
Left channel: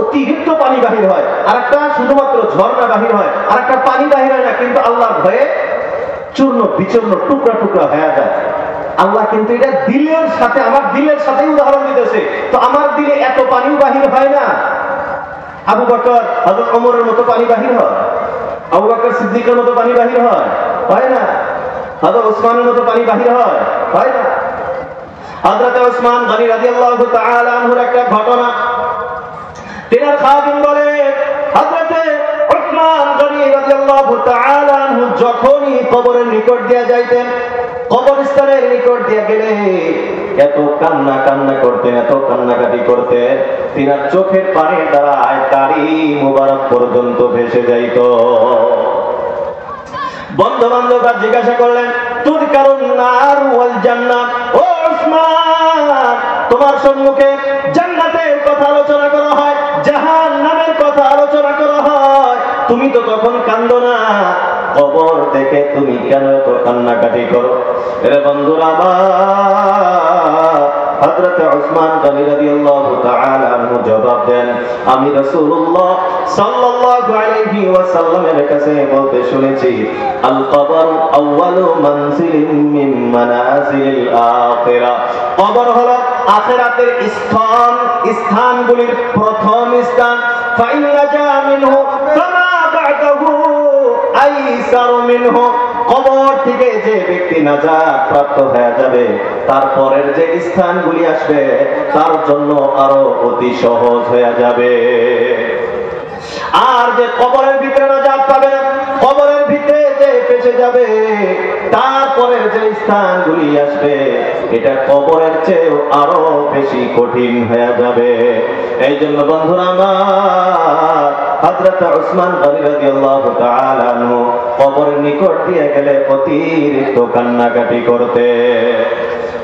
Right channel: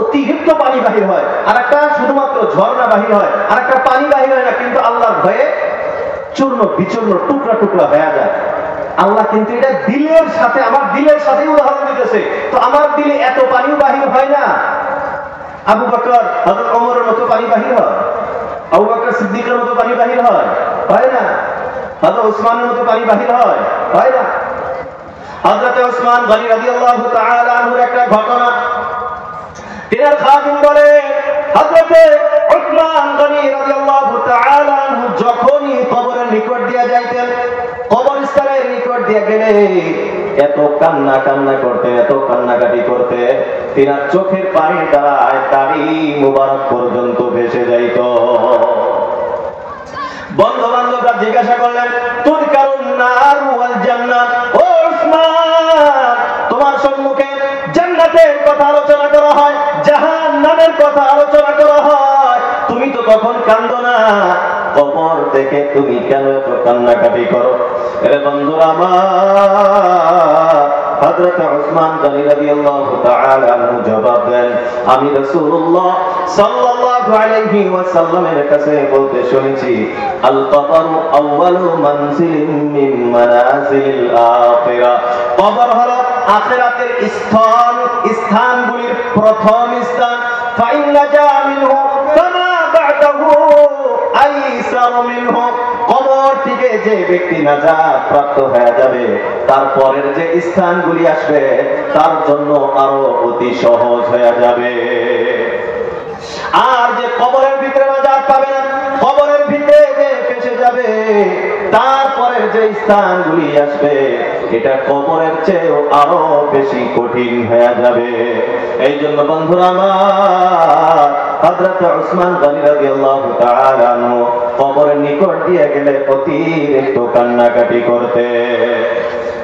অতিরিক্ত পানি বাহির হয়, আর একটা শুধুমাত্র ঝর্ণা বাহির হয়, আর একটা পানি বাহির হয় না, কিন্তু আল্লাহর ভয়ে চূর্ণ বিচূর্ণ টুকরা টুকরা হয়ে যায়। আল্লাহ কিন্তু এটা দিলের সাথে, আমার দিলের সাথে উদাহরণ দিতেছে। তো আমার দিলে এত পানিও বাহির হয় না। আবু বকর, হযরত ওমরের মতো পানি বাহির হয়? আবু বকর সিদ্দিকের মতো পানি বাহির হয় না? হযরত ওসমানের মতো পানি বাহির হয় না? হযরত ওসমান গনি রাদিয়াল্লাহু তাআলা আনহুর একটা ঘটনা, তিনার খাদিম বলে, হযরত ওসমান গনি রাদিয়াল্লাহু তাআলা আনহু যখনই কবরের নিকট দিয়ে যাইতেন, কবরস্থানের নিকট দিয়ে গেলে এত কান্না কান্না করতেন, এত কান্নাকাটি করতেন, তিনার চোখের পানির দ্বারা দাড়ি মুবারক পর্যন্ত ভেসে যাইত। বন্ধু বান্ধবরা জিজ্ঞাসা করলেন, তুযকারুন নার ওয়াল জান্নাত, ও ওসমান, তোমার সম্মুখে জান্নাতের কথা আলোচনা করা হয়, জাহান্নামের কথা আলোচনা করা হয়, তুমি তো তখন কান্দো না, কবর থেকে তুমি কেন এত কান্নাকাটি করো? এর বন্ধুরা আমার, হযরত ওসমান গনি রাদিয়াল্লাহু তাআলা আনহু জবাব দেন, আমি রাসূলুল্লাহ সাল্লাল্লাহু আলাইহি ওয়াসাল্লামের কাছে বলতে শুনেছি, আল কবর আউয়ালু মানজিলিন মিন মানাজিলিল আখিরা, কবর হলো আখিরাতের স্থান, স্থানগুলির প্রথম স্থান। ফাইন নাজা মিনহু ফামা বা'দাহু আইসার মিনহু, কবর থেকে যে ব্যক্তি নাজাত প্রাপ্ত হয়ে যাবে, তারপরের যে স্থানগুলি আসবে তার জন্য আরো অতি সহজ হয়ে যাবে। আর যে কবরের ভিতরে নাজাত পাবে না, কবরের ভিতরে যে ফেঁসে যাবে, তারপরের যে স্থানগুলি আসবে, এটা কবরের চেয়েও আরো বেশি কঠিন হয়ে যাবে। এই জন্য বন্ধুরা আমার, হযরত ওসমান গনি রাদিয়াল্লাহু তাআলা আনহু কবরের নিকট দিয়ে গেলে অতিরিক্ত কান্নাকাটি করতে।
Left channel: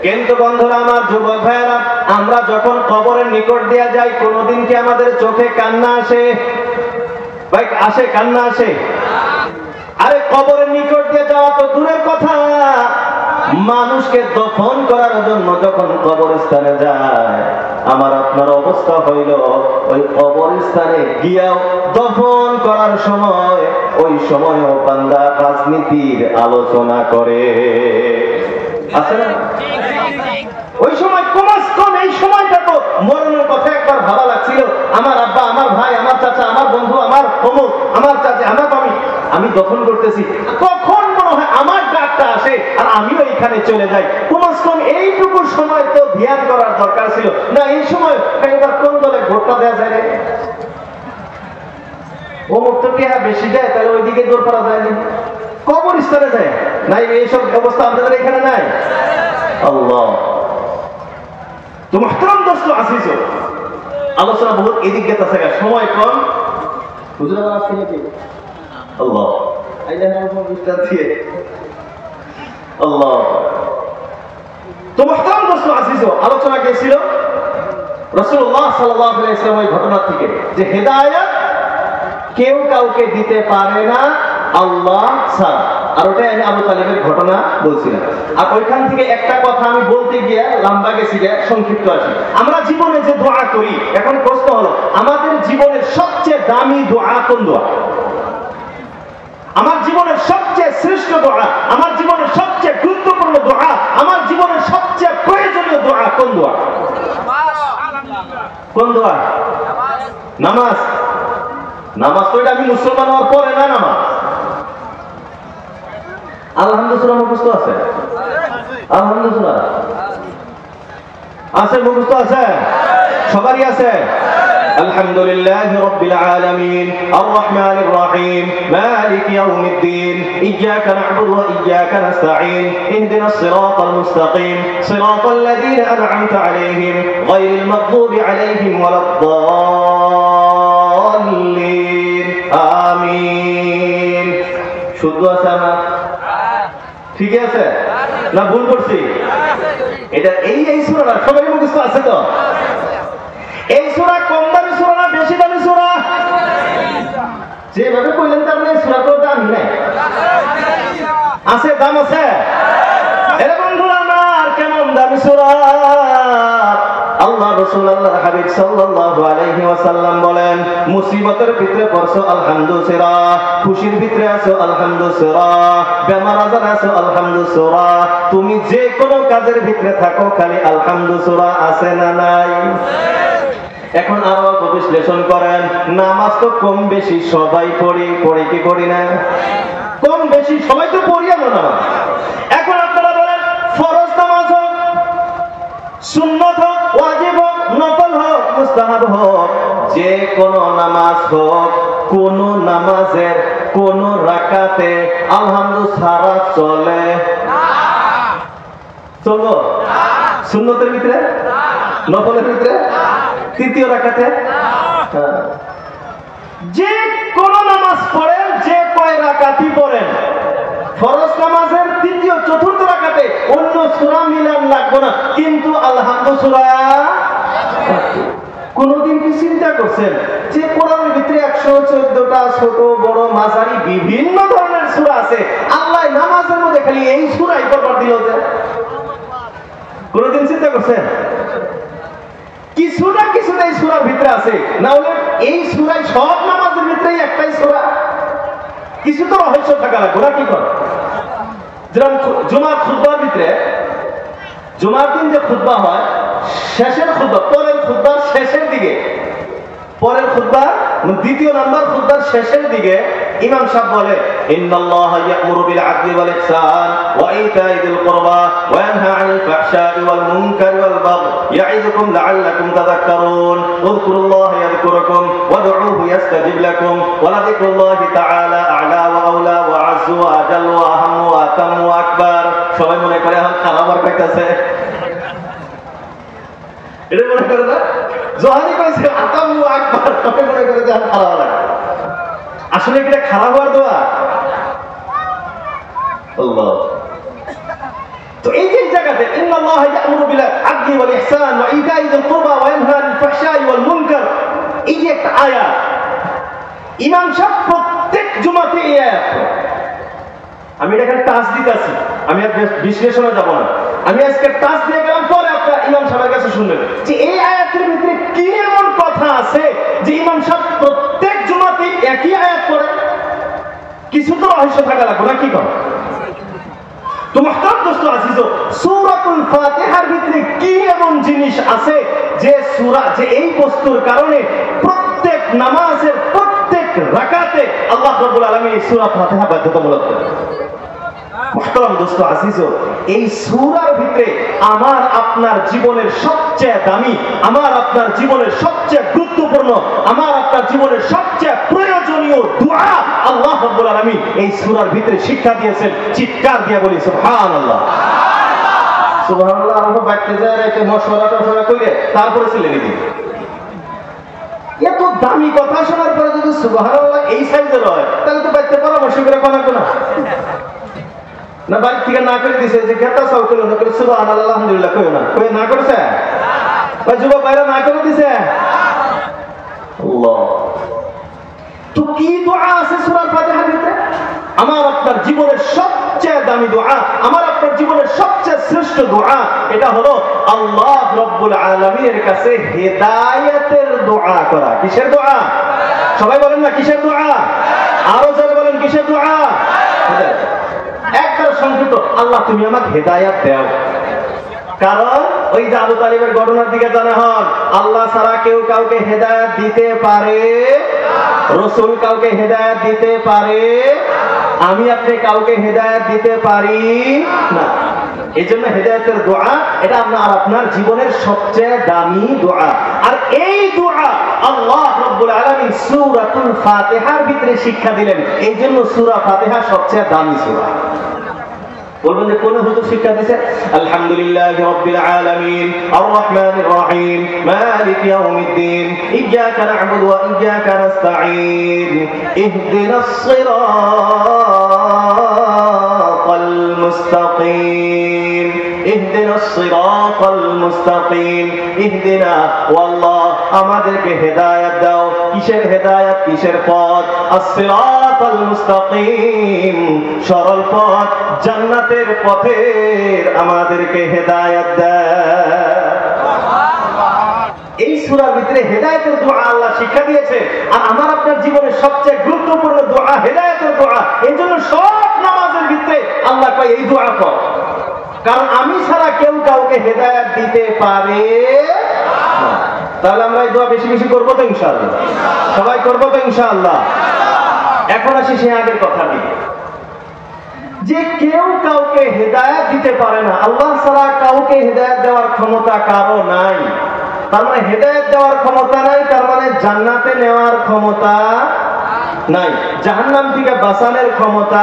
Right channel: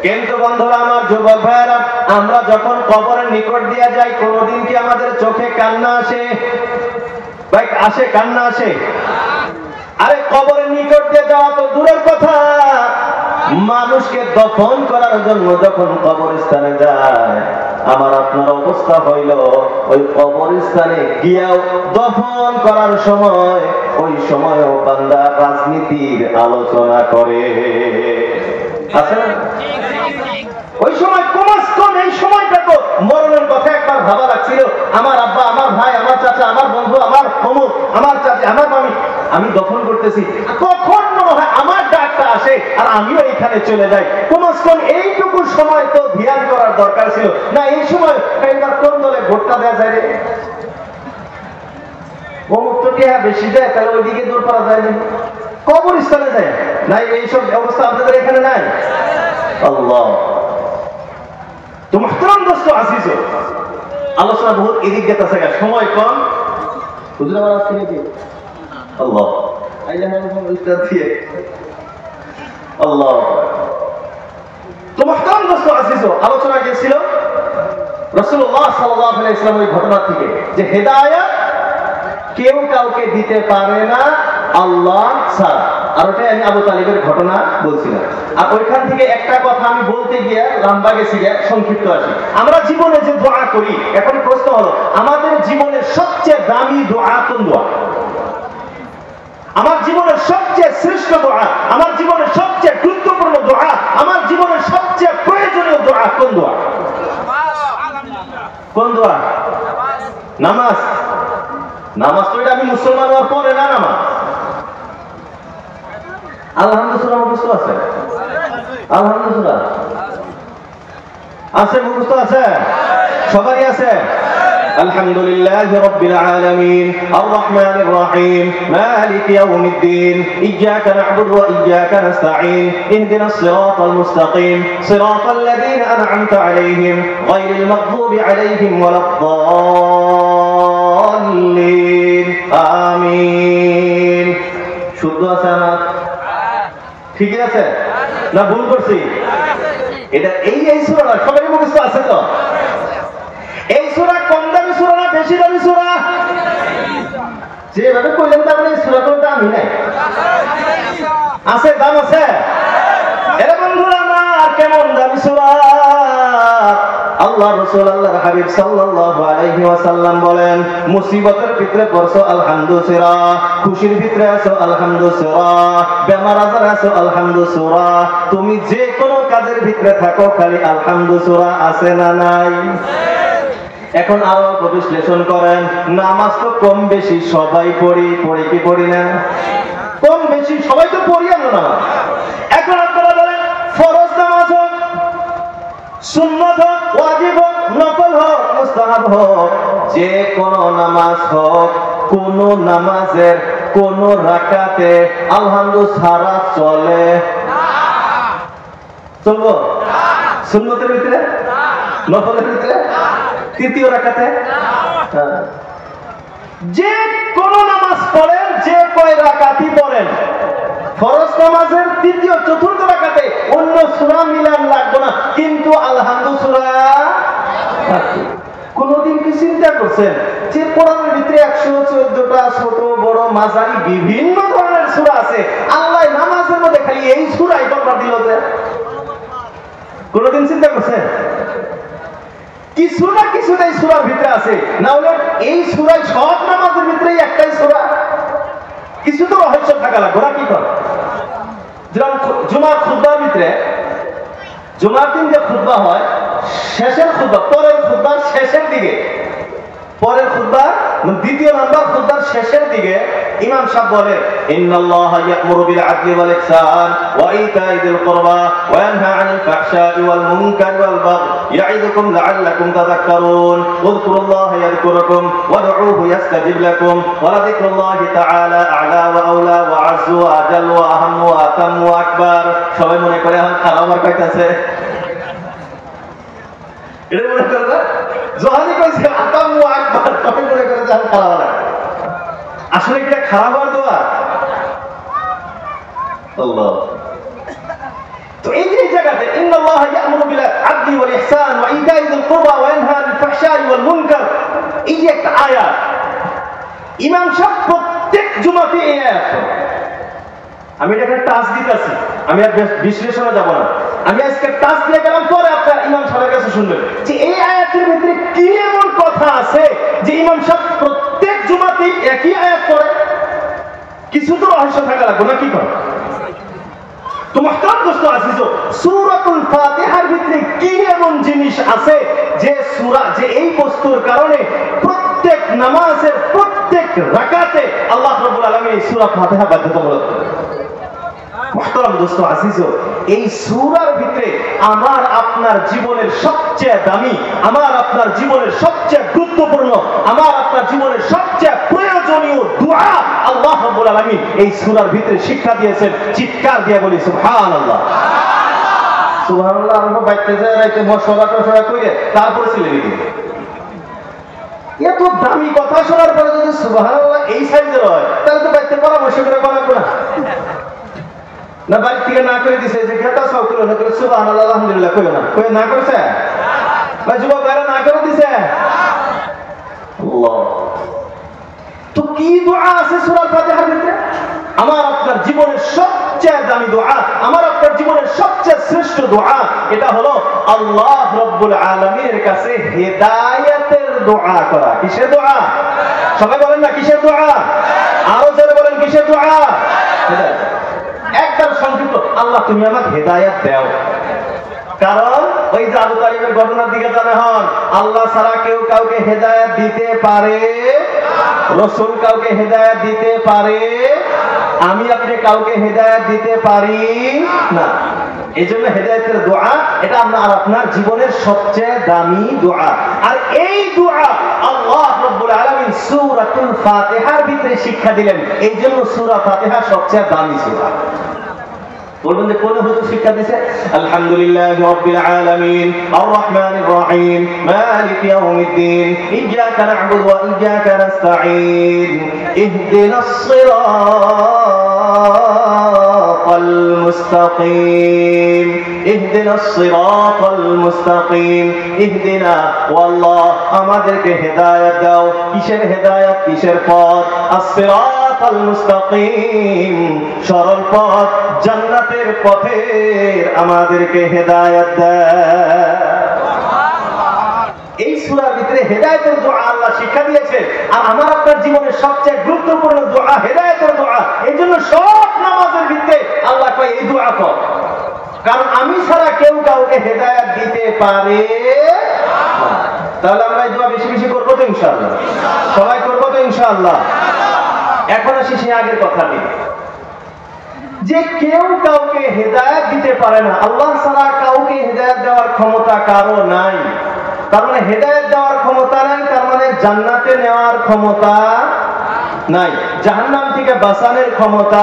কিন্তু বন্ধুরা আমার, যুবক ভাইয়েরা, আমরা যখন কবরের নিকট দিয়ে যাই, কোনদিন কি আমাদের চোখে কান্না আসে? ভাই আসে, কান্না আসে? আরে কবরের নিকট দিয়ে যাওয়া তো দূরের কথা, মানুষকে দফন করার জন্য যখন কবরস্থানে যায়, আমার আপনার অবস্থা হইল, ওই কবরস্থানে গিয়াও দফন করার সময়, ওই সময়ও বান্দা রাজনীতির আলোচনা করে। আসলে ওই সময় কমাস কম এই সময়টা তো মরণের কথা একবার ভাবা লাগছিল, আমার আব্বা, আমার ভাই, আমার চাচা, আমার বন্ধু, আমার অমুক, আমার চাচা, আমার আমি দফন করতেছি, কখন মনে হয় আমার ডাকটা আসে আর আমিও এখানে চলে যাই। কমাস কম এইটুকু সময় তো ধ্যান করার দরকার ছিল না? এই সময় কোন দলে ভোটটা দেওয়া যায়? অমুক তো টিহা বেশি দেয়, তাহলে ওইদিকে দৌড় করা যায় না, কবরস্থানে যায় না। এইসব ব্যবস্থা আপনাদের এখানে নাই। আল্লাহ, তো মুহতারাম দোস্ত আসিস, আলোচনা বহুত এদিক গেছে, সময় কম, বুঝতে পারছি নাকি? আল্লাহ, আইলা উস্তাদ দিয়ে আল্লাহ। তো মুহতারাম দোস্ত আজিজ, আলোচনা গেছিল রাসূলুল্লাহ সাল্লাল্লাহু আলাইহি ওয়াসাল্লাম ওই ঘটনা থেকে যে হেদায়েত কেউ কাউকে দিতে পারে না আল্লাহ ছাড়া। আর ওটাই আমি আবু তালিবের ঘটনা বলছিলাম। আর ওইখান থেকে একটা কথা আমি বলতে গিয়ে লম্বা গেছি, সংক্ষিপ্ত আসি। আমরা জীবনে যে দোয়া করি, এখন প্রশ্ন হলো আমাদের জীবনের সবচেয়ে দামি দোয়া কোন দোয়া? আমার জীবনের সবচেয়ে শ্রেষ্ঠ দোয়া, আমার জীবনের সবচেয়ে গুরুত্বপূর্ণ দোয়া, আমার জীবনের সবচেয়ে প্রয়োজনীয় দোয়া কোন দোয়া? কোন দোয়া? নামাজ। নামাজ তো এটা আমি মুসলমান হওয়ার পরে না নামাজ। আলহামদুলিল্লাহ মুখস্থ আছে? আলহামদুলিল্লাহ আছে, মুখস্থ আছে? সবারই আছে? আলহামদুলিল্লাহ রাব্বিল আলামিন আর রহমানির রহিম মালিক ইয়াউমিদ্দিন ইয়্যাকা না'বুদু ওয়া ইয়্যাকা নাস্তাঈন ইহদিনাস সিরাতাল মুস্তাকিম সিরাতাল লাযীনা আন'আমতা আলাইহিম গায়রিল মাগদুবি আলাইহিম ওয়ালাদ-দাল্লিন আমিন। শুদ্ধ আছে না? ঠিক আছে না ভুল করছি? এটা এই সূরাটা সবাই মুখস্থ আছে তো? এই সূরা কম দামি সূরা না বেশি দামি সূরা? যেভাবে কইলেন তো আপনি সূরা তো দামি নাই, আছে দাম আছে। এরে বন্ধুরা না কেমন দামি সূরা! আল্লাহ রাসূল আল্লাহর হাবিব সাল্লাল্লাহু আলাইহি ওয়াসাল্লাম বলেন, মুসিবতের ভিতরে পড়ছো আলহামদুলিল্লাহ, খুশির ভিতরে আছো আলহামদুলিল্লাহ, বেমার আজার আছো আলহামদুলিল্লাহ, তুমি যে কোনো কাজের ভিতরে থাকো খালি আলহামদুলিল্লাহ আছে না নাই? এখন আরো বিশ্লেষণ করেন, নামাজ তো কম বেশি সবাই পড়ি কি পড়ি না? কম বেশি সবাই তো পড়ি আমরা নামাজ। এখন আপনারা বলেন ফরজ নামাজ হোক, সুন্নাত হোক, ওয়াজিব হোক, নফল হোক, মুস্তাহাব হোক, যে কোন নামাজ হোক, কোন নামাজের কোন রাকাতে আলহামদুলিল্লাহ ছাড়া চলে না? চলবো? সুন্নতের ভিতরে, নফলের ভিতরে, তৃতীয় রাকাতে, যে কোন নামাজ পড়েন, যে কয় রাকাতই পড়েন, ফরজ নামাজের তৃতীয় চতুর্থ রাকাতে অন্য সূরা মিলান লাগবে না, কিন্তু আলহামদুলিল্লাহ। কোনদিন কি চিন্তা করছেন যে কোরআনের ভিতরে 114টা ছোট বড় মাঝারি বিভিন্ন ধরনের সূরা আছে, আল্লাহ নামাজের মধ্যে খালি এই সূরাই পড়বার দিল যে? কোনদিন চিন্তা করছেন? কিছু না কিছু এই সূরার ভিতরে আছে, না হলে এই সূরাই সব নামাজের ভিতরেই একটাই সূরা। কিছু তো রহস্য থাকা লাগবে না? কি কর যেমন জুমার খুতবার ভিতরে, জুমার দিন যে খুতবা হয়, শেষের খুতবা, পরের খুতবা শেষের দিকে, পরের খুতবা দ্বিতীয় নাম্বার খুতবার শেষের দিকে ইমাম সাহেব বলে, ইন্নাল্লাহা ইয়া'মুরু বিল আদলি ওয়াল ইহসান ওয়া ইতা'i যিল কুরবা ওয়া ইয়ানহা 'আনিল ফাহশা'i ওয়াল মুনকারি ওয়াল বাগই ইয়া'iদুকুম লা'আল্লাকুম তাযাক্কারুন উযকুরুল্লাহা ইয়াযকুরুকুম ওয়াদ'উহু ইয়াস্তাজিব লাকুম ওয়া লাযিকরুল্লাহি তাআলা আ'লা ওয়া আওলা ওয়া আ'যু ওয়া আজাল ওয়া আহাম্মু ওয়া আতাম্মু ওয়া আকবার। সবাই মনে করে এখন খাবার পাইতেছে, এটা মনে করে না? যখনই কইছে আতাম্মু ওয়া আকবার, সবাই মনে করে যে এখন খাওয়া লাগে। আসলে কি এটা খারাপ হওয়ার দোয়া? আল্লাহ। তো এই যে জায়গাতে ইন্নাল্লাহা ইয়া'মুরু বিল আদলি ওয়াল ইহসান ওয়া ইতা'i যিল কুরবা ওয়া ইয়ানহা আনিল ফাহশা'i ওয়াল মুনকার, এই যে একটা আয়াত ইমাম সাহেব প্রত্যেক জুমাতে এই আয়াত। আমি এটাকে টাচ দিতেছি, আমি আর বিশ্লেষণে যাব না, আমি আজকে টাচ দিয়ে গেলাম, পরে আপনারা ইমাম সাহেবের কাছে শুনবেন যে এই আয়াতের ভিতরে কি এমন কথা আছে যে ইমাম সাহেব প্রত্যেক জুমাতে একই আয়াত পড়ে। কিছু তো রহস্য থাকা লাগবে না? কি করে? তো মুহতারাম দোস্ত আজিজ, সূরাতুল ফাতিহার ভিতরে কি এমন জিনিস আছে যে সূরা, যে এই বস্তুর কারণে প্রত্যেক নামাজের প্রত্যেক রাকাতে আল্লাহ রাব্বুল আলামিন সূরা ফাতিহা বাধ্যতামূলক করেছেন। মুহতারাম দোস্ত আজিজ, এই সূরার ভিতরে আমার আপনার জীবনের সবচেয়ে দামি, আমার আপনার জীবনের সবচেয়ে গুরুত্বপূর্ণ, আমার আপনার জীবনের সবচেয়ে প্রয়োজনীয় দুআ আল্লাহ রাব্বুল আলামিন এই সূরার ভিতরে শিক্ষা দিয়েছেন। চিৎকার দিয়ে বলি সুবহানাল্লাহ। সুবহানাল্লাহ। আমরা বাইতে যায় রাইতে মশলা কইরে তারপরে ছিলে নিবি। এত দামি কথা শোনার পরে যদি সুবহানাল্লাহ এই সাইজের হয়, তাহলে তো বাইতে পরামর্শ করে বলা না। না বাড়ি থেকে না করে দিছে যে খেতা সাউকুল হলো সুবহানাল্লাহ আলহামদুলিল্লাহ কইও না, কই না করেছে বা যুবক ভাইরা না করে দিছে? আল্লাহ, তো কি দোয়া আছে সূরা ফাতিহার ভিতরে? আমার আপনার জীবনের সবচেয়ে দামি দোয়া, আমার আপনার জীবনের সবচেয়ে শ্রেষ্ঠ দোয়া, এটা হলো আল্লাহ রাব্বুল আলামিনের কাছে হেদায়েতের দোয়া করা। কিসের দোয়া? সবাই বলেন না কিসের দোয়া? আরো জোরে বলেন কিসের দোয়া? হেদায়েত। একটা সংক্ষিপ্ত, আল্লাহ তুমি আমাকে হেদায়েত দাও। কারণ ওই যে আবু তালিবের ঘটনার দিকে জানা হন, আল্লাহ ছাড়া কেউ কাউকে হেদায়েত দিতে পারে, রাসূল কাউকে হেদায়েত দিতে পারে, আমি আপনি কাউকে হেদায়েত দিতে পারি না। এই জন্য হেদায়েতের দোয়া এটা আমার আপনার জীবনের সবচেয়ে দামি দোয়া। আর এই দোয়া আল্লাহ রাব্বুল আলামিন সূরাতুল ফাতিহার ভিতরে শিক্ষা দিলেন। এই জন্য সূরা ফাতিহা সবচেয়ে দামি সূরা। বলবেন যে কোন হুজুর শিক্ষা দিয়েছে? আলহামদুলিল্লাহি রাব্বিল আলামিন আর রহমানির রহিম মালিক ইয়াউমিদ্দিন ইয়্যাকা না'বুদু ওয়া ইয়্যাকা নাস্তাঈন ইহদিনাস সিরাতাল মুস্তাকিম ইহদিনাস সিরাতাল মুস্তাকিম ইহদিনা, ও আল্লাহ আমাদেরকে হেদায়েত দাও। কিসের হেদায়েত? কিসের পথ? আস-সিরাতাল মুস্তাকিম, সরল পথ, জান্নাতের পথের আমাদেরকে হেদায়েত দাও। এই সূরার ভিতরে হেদায়েতের দোয়া আল্লাহ শিক্ষা দিয়েছে। আর আমার আপনার জীবনের সবচেয়ে গুরুত্বপূর্ণ দোয়া হেদায়েতের দোয়া। এই জন্য সব নামাজের ভিতরে আল্লাহ কয় এই দোয়া কর, কারণ আমি ছাড়া কেউ কাউকে হেদায়েত দিতে পারে না। তাহলে আমরা এই দোয়া বেশি বেশি করবো তো ইনশাআল্লাহ? সবাই করবো তো ইনশাআল্লাহ? এখন আসি সেই আগের কথা নিয়ে, যে কেউ কাউকে হেদায়েত দিতে পারে না। আল্লাহ ছাড়া কাউকে হেদায়েত দেওয়ার ক্ষমতা কারো নাই। তার মানে হেদায়েত দেওয়ার ক্ষমতা নাই, তার মানে জান্নাতে নেওয়ার ক্ষমতা নাই, জাহান্নাম থেকে বাঁচানোর ক্ষমতা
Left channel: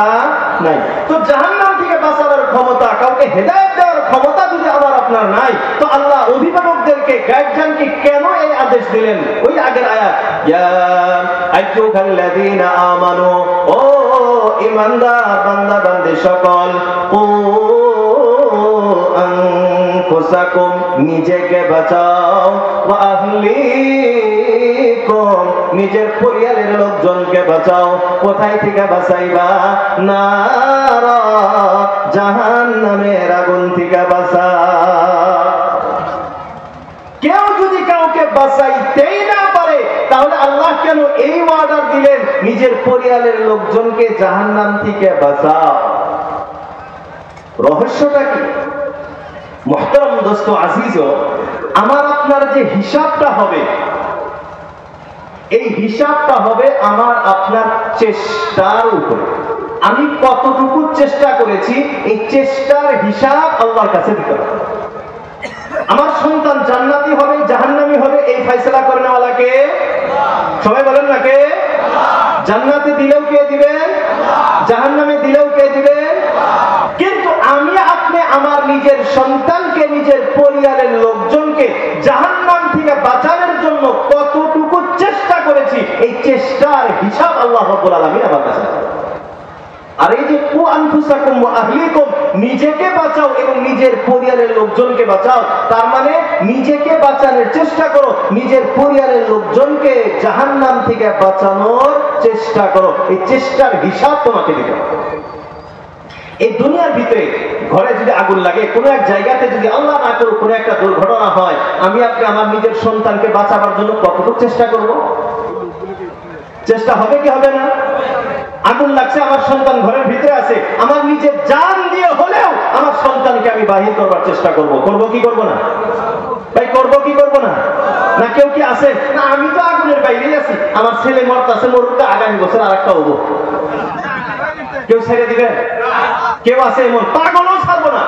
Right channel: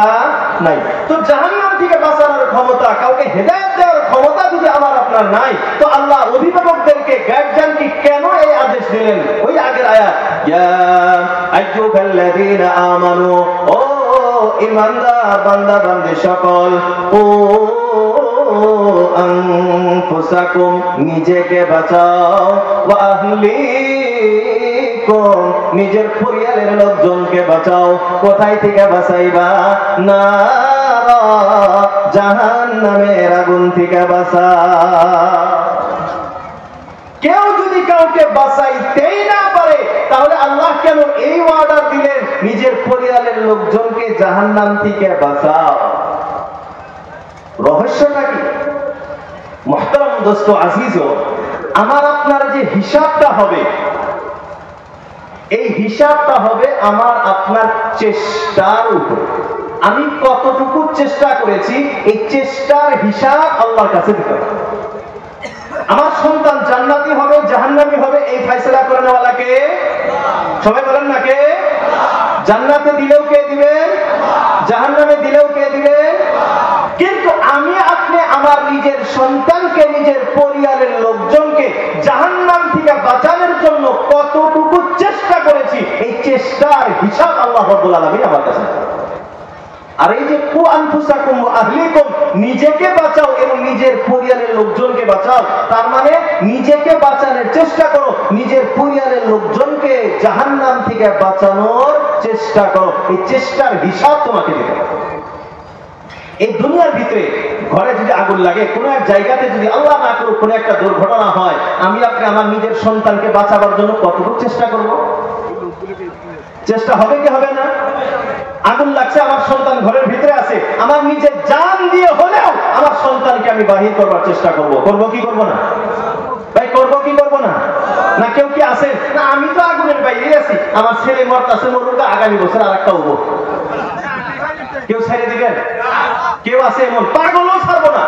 নাই। তো জাহান্নাম থেকে বাঁচানোর ক্ষমতা, কাউকে হেদায়েত দেওয়ার ক্ষমতা যদি আমার আপনার নাই, তো আল্লাহ অভিভাবকদেরকে গার্জিয়ানকে কেন এই আদেশ দিলেন? ওই আগের আয়াত, ইয়া আইয়ুহাল্লাযীনা আমানু, ও ঈমানদার বান্দা বান্দী সকল, ও আনফুসাকুম, নিজেকে বাঁচাও, ওয়া আহলিকুম, নিজের পরিবারের লোকজনকে বাঁচাও। কোথায় থেকে বাঁচাইবা? নারা, জাহান্নামের আগুন থেকে বাঁচাও। কেউ যদি কাউকে বাঁচাইতেই না পারে, তাহলে আল্লাহ কেন এই অর্ডার দিলেন নিজের পরিবারের লোকজনকে জাহান্নাম থেকে বাঁচাও? রহস্যটা কি? মুহতারাম দোস্ত আজিজ, আমার আপনার যে হিসাবটা হবে, এই হিসাবটা হবে আমার আপনার চেষ্টার উপর। আমি কতটুকু চেষ্টা করেছি, এই চেষ্টার হিসাব আল্লাহর কাছে দিতে হবে। আমার সন্তান জান্নাতি হবে জাহান্নামী হবে, এই ফয়সালা করে নেওয়ালা কে? সবাই বলেন না কে? জান্নাতে দিলেও কে দিবে, জাহান্নামে দিলেও কে দিবে? কিন্তু আমি আপনি আমার নিজের সন্তানকে, নিজের পরিবারের লোকজনকে জাহান্নাম থেকে বাঁচানোর জন্য কতটুকু চেষ্টা করেছি, এই চেষ্টার হিসাব আল্লাহ রাব্বুল আলামিন আমার কাছে। আর এই যে কু আনফুসাকুম ওয়া আহলিকুম, নিজেকে বাঁচাও এবং নিজের পরিবারের লোকজনকে বাঁচাও, তার মানে নিজেকে বাঁচানোর চেষ্টা করো, নিজের পরিবারের লোকজনকে জাহান্নাম থেকে বাঁচানোর চেষ্টা করো। এই চেষ্টার হিসাব তোমাকে দিতে হবে। এই দুনিয়ার ভিতরে ঘরে যদি আগুন লাগে, কোন এক জায়গাতে যদি আল্লাহ না করুক কোন একটা দুর্ঘটনা হয়, আমি আপনি আমার নিজের সন্তানকে বাঁচাবার জন্য কতটুকু চেষ্টা করব? চেষ্টা হবে কি হবে না? আগুন লাগছে, আমার সন্তান ঘরের ভিতরে আছে, আমার নিজের জান দিয়ে হলেও আমার সন্তানকে আমি বাহির করবার চেষ্টা করব। করব কি করব না? ভাই করব কি করব না? না কেউ কি আছে না আমি তো আগুনের বাইরে আছি, আমার ছেলে মরতাছে, মরুক, আগামী বছর আরেকটা হবো, কেউ ছেড়ে দিবেন? কেউ আছে এমন? পাগলও ছাড়বো না।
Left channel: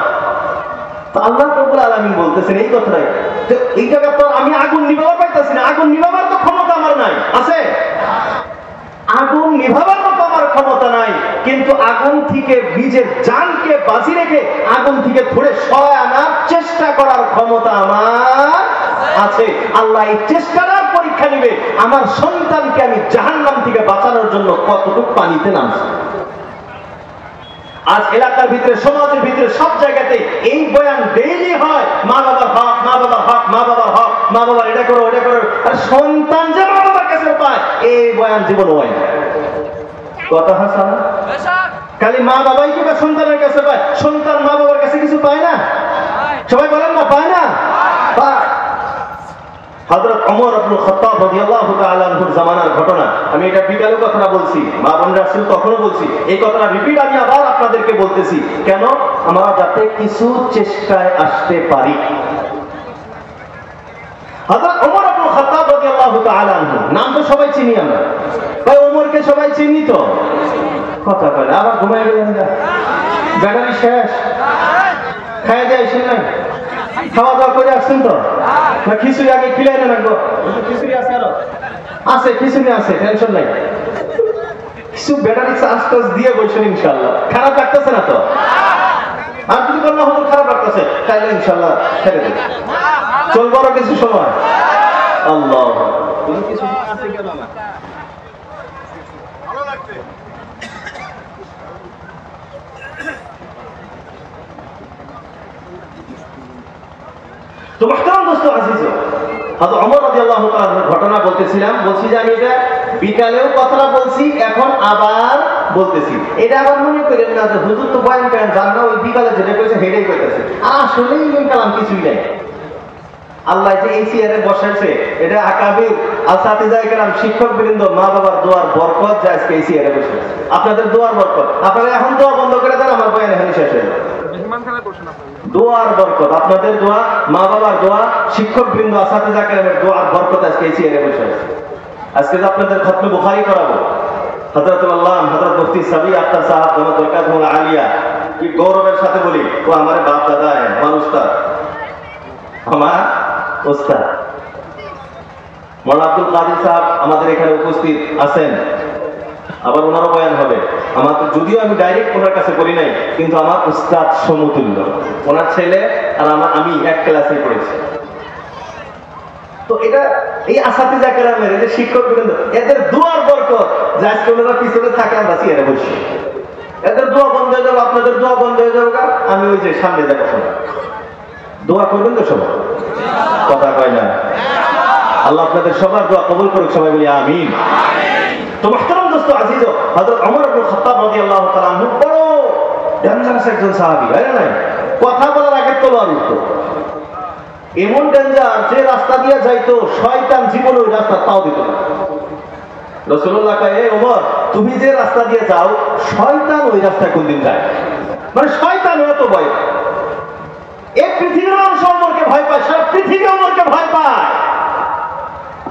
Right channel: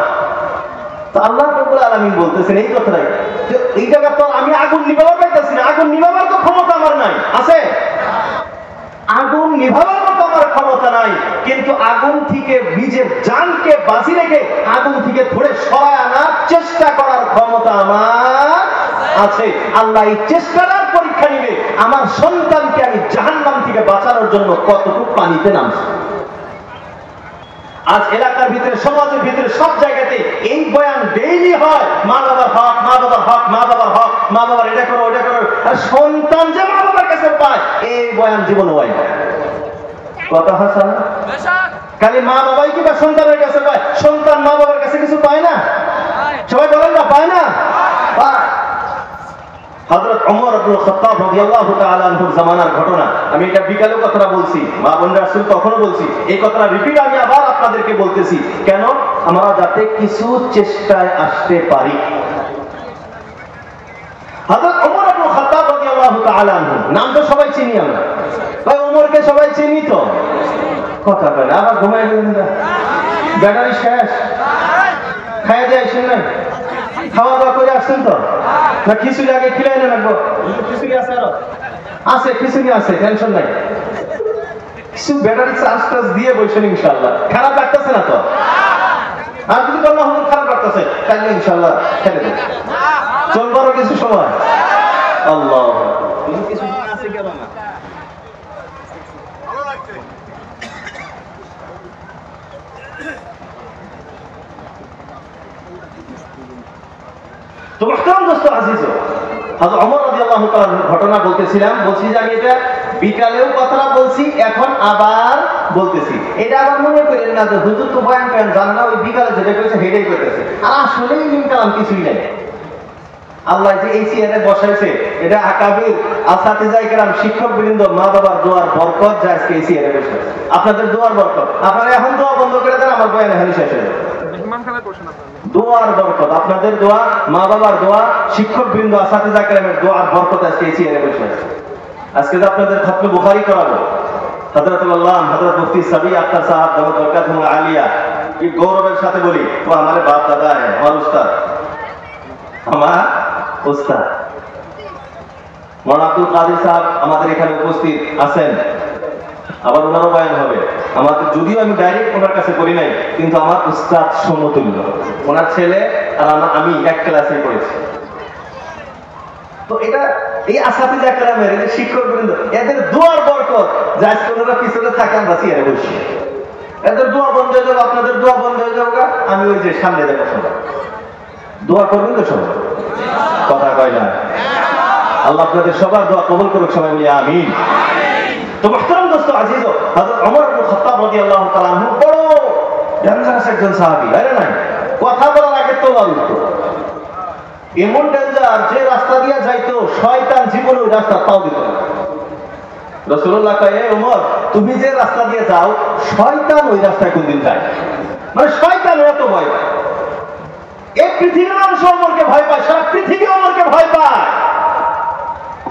তো আল্লাহ রাব্বুল আলামিন বলতেছেন এই কথাটাই, এই জায়গা তো আমি আগুন নিভাবার পাইতেছি না, আগুন নিভাবার তো ক্ষমতা আমার নাই। আছে? আগুন নিভাবার মতো আমার ক্ষমতা নাই, কিন্তু আগুন থেকে নিজের জানকে বাঁচিয়ে রেখে আগুন থেকে ধরে সরায় আনার চেষ্টা করার ক্ষমতা আমার আছে। আল্লাহ এই চেষ্টার পরীক্ষা নিবে আমার সন্তানকে আমি জাহান্নাম থেকে বাঁচানোর জন্য কতটুকু পানিতে নামছি। আজ এলাকার ভিতরে, সমাজের ভিতরে, সব জায়গাতে এই বয়ান ডেইলি হয়, মা বাবার হক, মা বাবার হক, মা বাবার হক, মা বাবার এটা করো ওটা করো। আর সন্তান যে মা বাবার কাছে পায় এই বয়ান জীবন হয় না। কথা হাসান, খালি মা বাবাই কি বা সন্তানের কাছে পায়? সন্তান মা বাবার কাছে কিছু পায় না? সবাই বলেন না পায় না? হযরত ওমর ইবনে খাত্তাব রাদিয়াল্লাহু তাআলা আনহুর জামানার ঘটনা। আমি এটা বিকালেও কথা বলছি, মা বোন রাসূল তখনও বলছি, এই কথাটা রিপিট আমি আবার আপনাদেরকে বলতেছি, কেন? আমরা যাতে কিছু চেষ্টায় আসতে পারি। হযরত ওমর ইবনে খাত্তাব রাদিয়াল্লাহু তাআলা আনহু, নাম তো সবাই চিনি আমরা, ভাই ওমরকে সবাই চিনি তো। কথা বলে আবার ঘুমায় গেলেন না, ব্যাটারি শেষ, খাইয়া দিয়ে আসেন নাই, খাওয়া দাওয়া করে আসছেন তো না? খিচুড়ি আগে খিলাই না রাখবো? খিচুড়ি আছে, আরো আছে, খিচুড়ি আছে, টেনশন নাই। কিছু ব্যাটারি চার্জ টার্জ দিয়ে বলছেন ইনশাআল্লাহ। খারাপ লাগতেছে না তো? আর যদি বললাম হলো খারাপ লাগতেছে, তাহলে ইনশাআল্লাহ ছেড়ে দেব, চলবো আরো কিছু সময়। আল্লাহ, কিছু আছে কেন না? ভালো লাগছে। তো মুহতারাম দোস্ত আজিজ, হযরত ওমর রাদিয়াল্লাহু তাআলার ঘটনা বলতেছিলাম, বলছি যে আমি এটা বিকালেও কথাটা বলছি, এখন আবার বলতেছি। এটা আবার মনে করেন না যে হুজুর তো বয়ান করেন জান না, ওই বিকালে যেটা কইছে হেডেই কইতেছে। আসলে ইলম কালাম কিছুই নাই। আল্লাহ যে এই চেয়ারে বসাইছে, এটা আকাবির আসাতিজায়ে কেরাম, শিক্ষকবৃন্দ, মা বাবার দোয়ার বরকত যে আজকে এই চেয়ারে বসে। আপনাদের দোয়ার বরকত। আপনারা এখন দোয়া বন্ধ করে দেন, আমার বয়ান এখানে শেষ হয়ে যাবে। দোয়ার বরকত, আপনাদের দোয়া, মা বাবার দোয়া, শিক্ষকবৃন্দ, আসাতিজায়ে কেরামের দোয়ার বরকত আজকে এই চেয়ারে বসে আছে। আজকে যে আপনাদের খতমে বুখারী করাবো, হযরতুল আল্লাহ হযরত মুফতি সাবি আখতার সাহেব দামাত বরকাতুহু আলিয়া, কি গৌরবের সাথে বলি, ও আমার বাপ দাদা হ্যাঁ, আমার উস্তাদ, আমার উস্তাদ মাওলানা আব্দুল কাদের সাহেব আমাদের এখানে উপস্থিত আছেন। আবার ওনারও বয়ান হবে। আমাদের যদিও আমি ডাইরেক্ট ওনার কাছে করি নাই, কিন্তু আমার উস্তাদ সমতুল্য। ওনার ছেলে আর আমি এক ক্লাসে পড়েছি। তো এটা এই আসাতিজায়ে কেরামের, এই যে শিক্ষকবৃন্দ, এদের দোয়ার বরকত যে আজকে ওনারা পিছনে থাকেন বা চেয়ারে বসে। এদের দোয়া বন্ধ হয়ে যাবে, আপনাদের দোয়া বন্ধ হয়ে যাবে, আমি ওই যে সামনে যাবো। দোয়া করবেন তো সবাই? কথা কয় না? আল্লাহ আপনাদের সবার দোয়া কবুল করুক, সবাই বলি আমিন। তো মুহতারাম দোস্ত আজিজ, হযরত ওমর ইবনে খাত্তাব রাদিয়াল্লাহু তাআলা আনহু বড় ডেঞ্জারাস একজন সাহাবী, তাই না? কথা বলার আগে তলোয়ার উঠতো, এমন ডেঞ্জার যে রাস্তা দিয়ে যাইতো শয়তান জীবনে ওই রাস্তা তাও দিত না। রাসূলুল্লাহ কয়, এ ওমর, তুমি যে রাস্তা দিয়ে যাও শয়তান ওই রাস্তায় কোনদিন যায়? মানে শয়তান এত ভয় পায়, এক পৃথিবীর মানুষ ওমরকে ভয় পায়, সারা পৃথিবী ওমরকে ভয় পায়।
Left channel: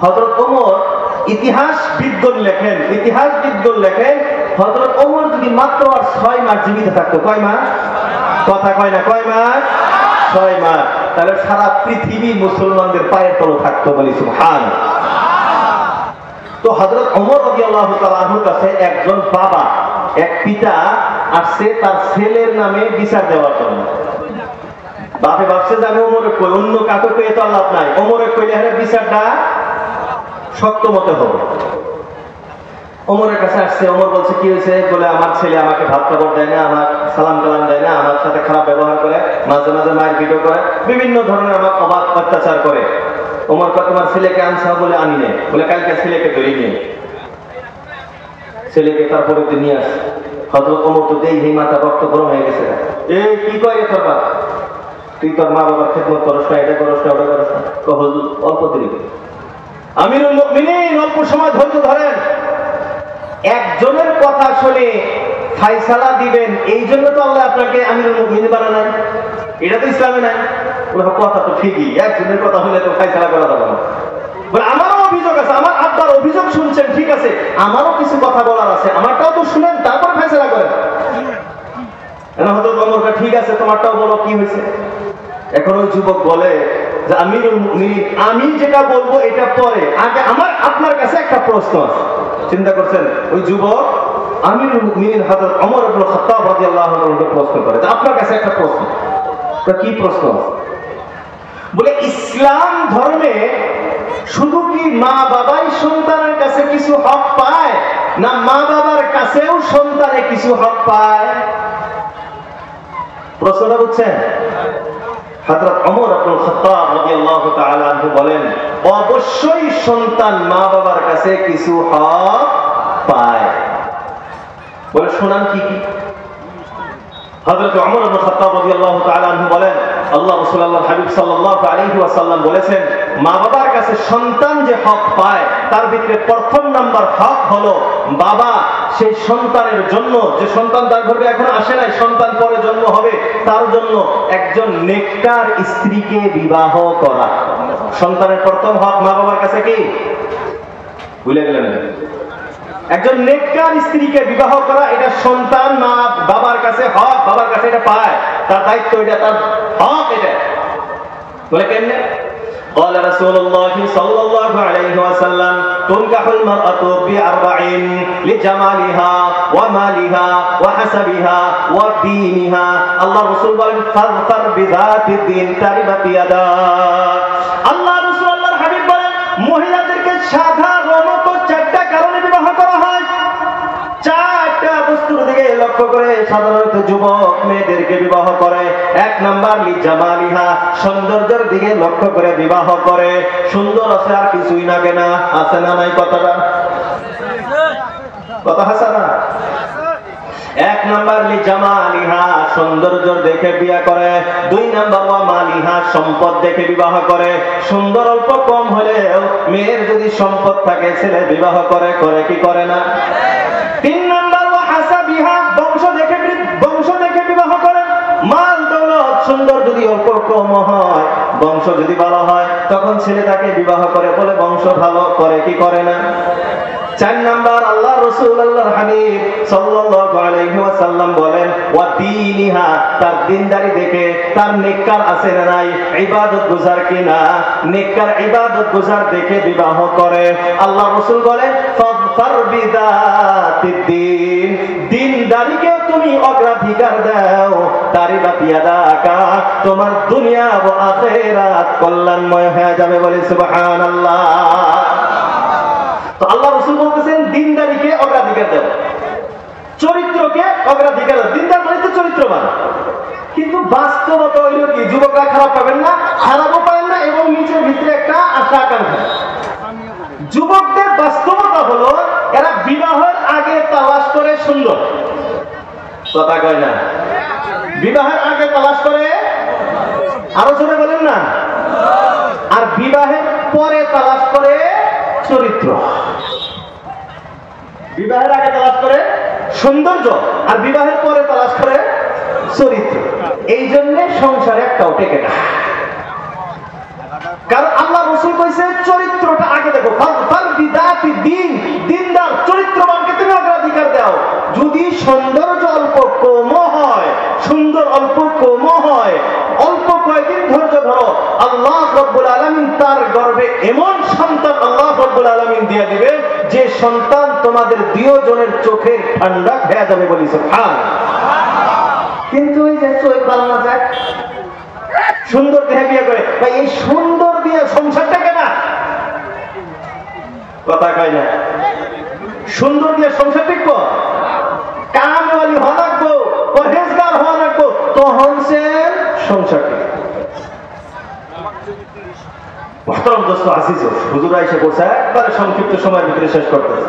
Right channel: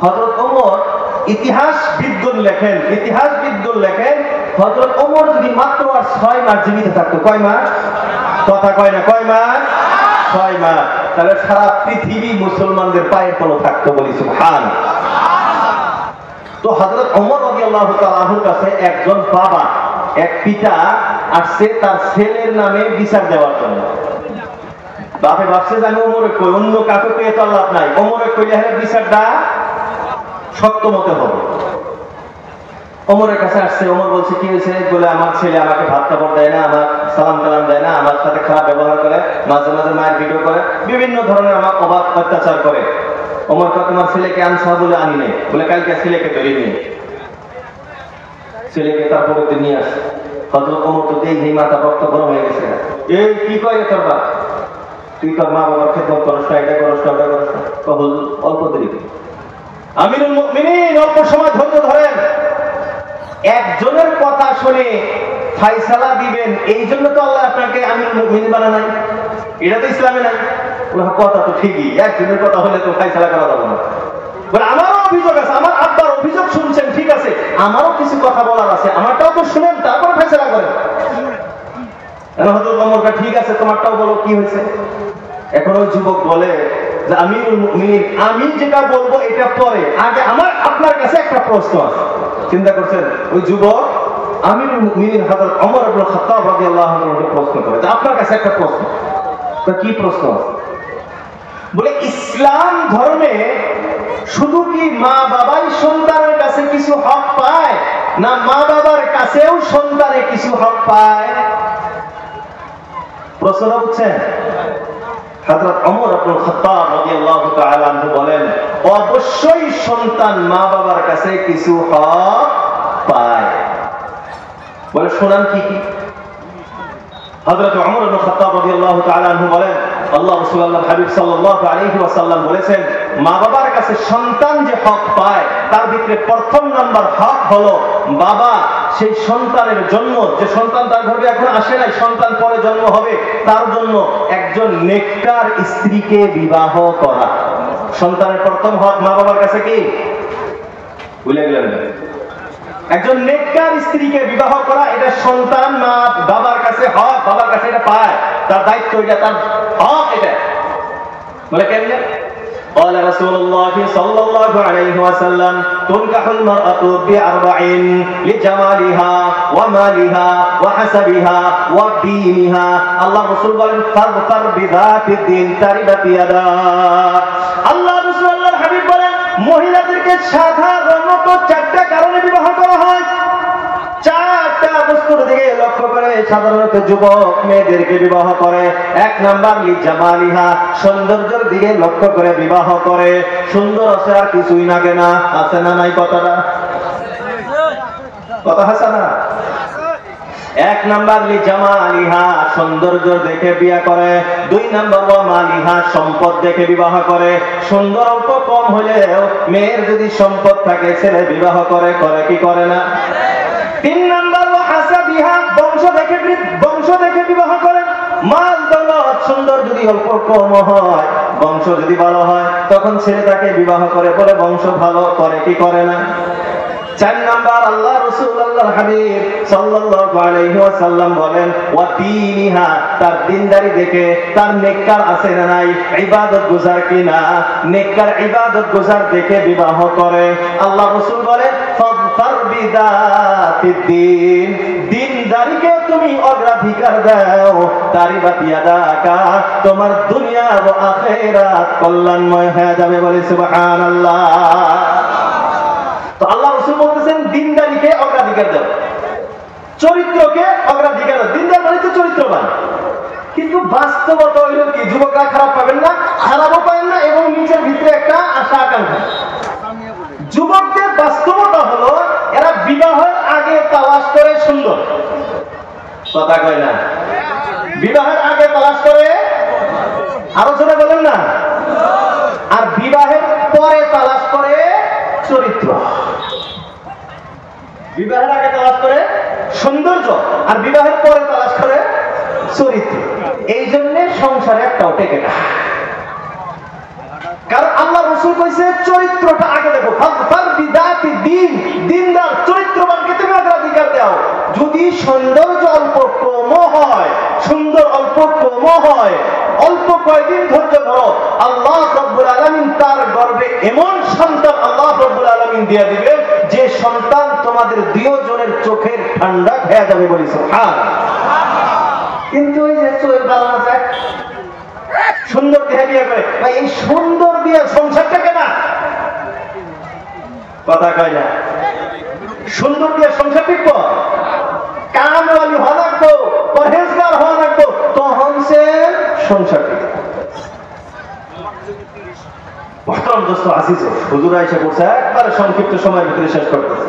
হযরত ওমর ইতিহাসবিদগণ লেখেন হযরত ওমর যদি মাত্র আর 6 মাস জীবিত থাকতো, কয় মাস? কথা কয় না, কয় মাস? 6 মাস, তাহলে সারা পৃথিবী মুসলমানদের পায়ের তলে থাকতো, বলি সুবহানাল্লাহ। তো হযরত ওমর রাদিয়াল্লাহু তাআলা আনহুর কাছে একজন বাবা, এক পিতা আসছে তার ছেলের নামে বিচার দেওয়ার জন্য। বাপে ভাবছে যে আমি ওমরে কই, অন্য কাকে পেয়ে তো লাভ নাই, ওমরে কইলে হলে বিচারটা শক্ত মতে হবে। ওমরের কাছে আসছে, ওমর বলছে কি হয়েছে? বলে আমার ছেলে আমাকে ভাত খাবার দেয় না, আমার সালাম কালাম দেয় না, আমার সাথে খারাপ ব্যবহার করে, মাঝে মাঝে মায়ের ভিডিও করে, বিভিন্ন ধরনের আমার অবাধ অত্যাচার করে। ওমর কয়, তোমার ছেলেকে আনছা? বলে আনি নেই। বলে কালকে ছেলেকে ধরি নিয়ে, ছেলেকে তারপরে নিয়ে আসছে। হযরত ওমর তো দেখি মাথা রক্ত গরম হয়ে গেছে, এই কি করে তোর বাপ, তুই তোর মা বাবার খেদমত করস না, এটা করস না, ওটা করস না। হুজুর অল্প দেরি, আমিরুল মুমিনিন অল্প সময় ধৈর্য ধরেন, একজনের কথা শুনে ফায়সালা দিবেন, এই জন্য তো আল্লাহ আপনাকে আমিরুল মুমিনিন বানায় নাই, এটা তো ইসলামে নাই। কথা তো ঠিকই, একজনের কথা হলে তো ফায়সালা করা যাবে না। বলে আমারও অভিযোগ আছে, আমার আব্বার অভিযোগ শুনছেন, ঠিক আছে, আমারও কিছু কথা বলার আছে, আমারটাও তো শুনেন, তারপর ফায়সালা করেন। হযরত ওমর কয়, ঠিক আছে, তোমারটাও বলো কি হয়েছে। এখন ওই যুবক বলে যে আমিরুল মুমিনিন, আমি যেটা বলবো এটা পরে, আগে আমার আপনার কাছে একটা প্রশ্ন আছে। চিন্তা করছেন, ওই যুবক আমিরুল মুমিনিন হযরত ওমর ইবনে খাত্তাব রাদিয়াল্লাহু আনহুকে প্রশ্ন করে যে আপনার কাছে একটা প্রশ্ন। কি প্রশ্ন আছে? বলে ইসলাম ধর্মে শুধু কি মা বাবাই সন্তানের কাছে কিছু হক পায়, না মা বাবার কাছেও সন্তানে কিছু হক পায়? প্রশ্নটা বুঝছেন? হযরত ওমর ইবনে খাত্তাব রাদিয়াল্লাহু তাআলা আনহু বলেন, অবশ্যই সন্তান মা বাবার কাছে কিছু হক পায়। বলে শোনান কি কি? হযরত ওমর ইবনে খাত্তাব রাদিয়াল্লাহু তাআলা আনহু বলেন, আল্লাহ রাসূল আল্লাহর হাবিব সাল্লাল্লাহু আলাইহি ওয়াসাল্লাম বলেছেন, মা বাবার কাছে সন্তান যে হক পায় তার ভিতরে প্রথম নাম্বার হক হলো বাবা সেই সন্তানের জন্য, যে সন্তান তার ঘরে এখন আসে নাই, সন্তান পরে জন্ম হবে, তার জন্য একজন নেককার স্ত্রীকে বিবাহ করা। সন্তানের প্রথম হক মা বাবার কাছে কি? ভুলে গেলেন? একজন নেককার স্ত্রীকে বিবাহ করা, এটা সন্তান মা বাবার কাছে হক, বাবার কাছে এটা পায়, তার দায়িত্ব, এটা তার হক। এটা বলে কেমনে? قال رسول الله صلى الله عليه وسلم تنكح المرأة بأربع لجمالها ومالها وحسبها ودينها الله رسول বলেন ফাযফার বিযাতি দ্বীন তারিবাত ইয়াদা। আল্লাহ রাসূল আল্লাহর হাবিব বলেন, মহিলাদেরকে সাধারণত চারটা কারণে বিবাহ করা হয়। চারটা বস্তুর দিকে লক্ষ্য করে সাধারণত যুবক মেয়েদেরকে বিবাহ করে। এক নাম্বার লিজামালিহা, সৌন্দর্যের দিকে লক্ষ্য করে বিবাহ করে। সুন্দর আছে আর কিছুই লাগে না, আছে না নাই? কথাটা কথা আছে না? এক নাম্বার লিজামালিহা, সৌন্দর্য দেখে বিয়ে করে। দুই নাম্বার মালিহা, সম্পদ দেখে বিবাহ করে। সুন্দর অল্প কম হলেও মেয়ের যদি সম্পদ থাকে ছেলে বিবাহ করে, করে কি করে না? তিন নাম্বার হাসাবিহা, বংশ দেখে বিবাহ করে। মাল দৌলত সুন্দর যদি অল্প কম হয়, বংশ যদি ভালো হয়, তখন ছেলে তাকে বিবাহ করে, বলে বংশ ভালো, করে কি করে না? চার নাম্বার আল্লাহ রাসূল আল্লাহর হাবিব সাল্লাল্লাহু আলাইহি ওয়াসাল্লাম বলেন, ওয়া দীনিহা, তার দ্বীনদারি দেখে, তার নেককার আছে না নাই, ইবাদত গুজার কিনা, নেককার ইবাদত গুজার দেখে বিবাহ করে। আল্লাহ রাসূল বলেন, ফাযফার বিযাতিদ দ্বীন, দ্বীনদারিকে তুমি অগ্রাধিকার দাও, তারিবাত ইয়াদাকা, তোমার দুনিয়া ও আখিরাত কল্যাণময় হয়ে যাবে। বলি সুবহানাল্লাহ। তো আল্লাহ রাসূল বলতেছেন দ্বীনদারিকে অগ্রাধিকার দাও, চরিত্রকে অগ্রাধিকার দাও। দ্বীনদার মানে তো চরিত্রবান। কিন্তু বাস্তবতা হইল কি? যুবকরা খারাপ পাবেন না, খারাপও পাবেন না, এবং নিচের ভিতরে একটা আশা আকাঙ্ক্ষা। যুবকদের বাস্তবতা হলো এরা বিবাহের আগে তালাশ করে সুন্দর, কথা কয় না? বিবাহের আগে তালাশ করে, আলোচনা বলেন না, আর বিবাহের পরে তালাশ করে চরিত্র। বিবাহের আগে তালাশ করে সৌন্দর্য, আর বিবাহের পরে তালাশ করে চরিত্র। এই জন্য সংসারে একটাও টেকে না। কারণ আল্লাহ রাসূল কইছে চরিত্রটা আগে দেখো। ফাযফার বিযাতিদ দ্বীন, দ্বীনদার চরিত্রবানকে তুমি অগ্রাধিকার দাও। যদি সৌন্দর্য অল্প কম হয়, সুন্দর অল্প কম হয়, অল্প কয়েকদিন ধৈর্য ধরো, আল্লাহ রাব্বুল আলামিন তার গর্ভে এমন সন্তান আল্লাহ রাব্বুল আলামিন দিয়ে দিবে যে সন্তান তোমাদের দুইজনের চোখের ঠান্ডা হয়ে যাবে। বলি সুবহানাল্লাহ। কিন্তু এই যে চোখ বানানো যায়, সুন্দর দেখে বিয়ে করে, ভাই এই সুন্দর দিয়ে সংসারটা কেনা, কথা কয় না? সুন্দর দিয়ে সংসার টিকব, কামওয়ালি হওয়া লাগবো, পরহেজগার হওয়া লাগবো, তখন সে সংসার টিকবে। মুহতারাম দোস্ত আজিজ, হুজুর আয়েশা বলছে একবারে সংক্ষিপ্ত সময়ের ভিতরে শেষ করতেছে।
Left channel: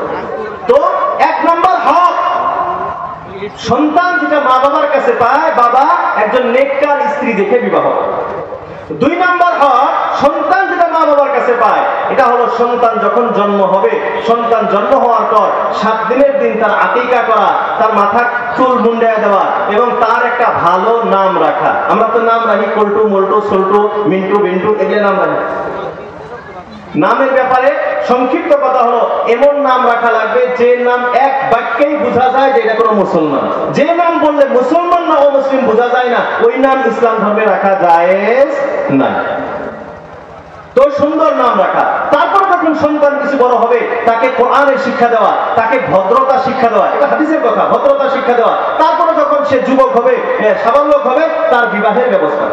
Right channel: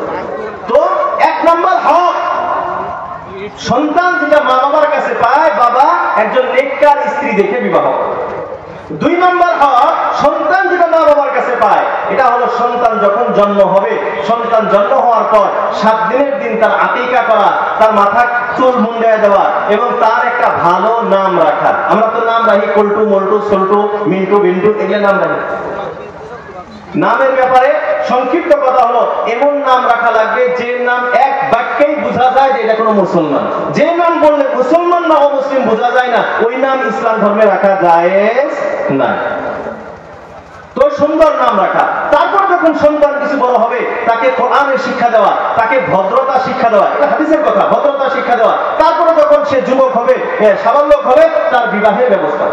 তো এক নম্বর হক সন্তান যেটা মা বাবার কাছে পায়, বাবা একজন নেককার স্ত্রী দেখে বিবাহ। দুই নম্বর হক সন্তান যেটা মা বাবার কাছে পায়, এটা হলো সন্তান যখন জন্ম হবে, সন্তান জন্ম হওয়ার পর 7 দিনের দিন তার আকিকা করা, তার মাথা চুল মুন্ডায় দেওয়া, এবং তার একটা ভালো নাম রাখা। আমরা তো নাম রাখি কল্টু, মল্টু, সল্টু, মিন্টু, বিন্টু, এগুলো নাম রাখি। নামের ব্যাপারে সংক্ষিপ্ত কথা হলো, এমন নাম রাখা লাগবে যে নাম এক বাক্যেই বোঝা যায় যে এটা কোনো মুসলমান। যে নাম বললে মুসলমান না অমুসলিম বোঝা যায় না, ওই নাম ইসলাম ধর্মে রাখা জায়েজ না। তো সুন্দর নাম রাখা। তারপর যখন সন্তান কিছু বড় হবে, তাকে কোরআনের শিক্ষা দেওয়া, তাকে ভদ্রতা শিক্ষা দেওয়া, এটা হাদিসের কথা, ভদ্রতা শিক্ষা দেওয়া। তারপরে যখন সে যুবক হবে, সাবালক হবে, তার বিবাহের ব্যবস্থা।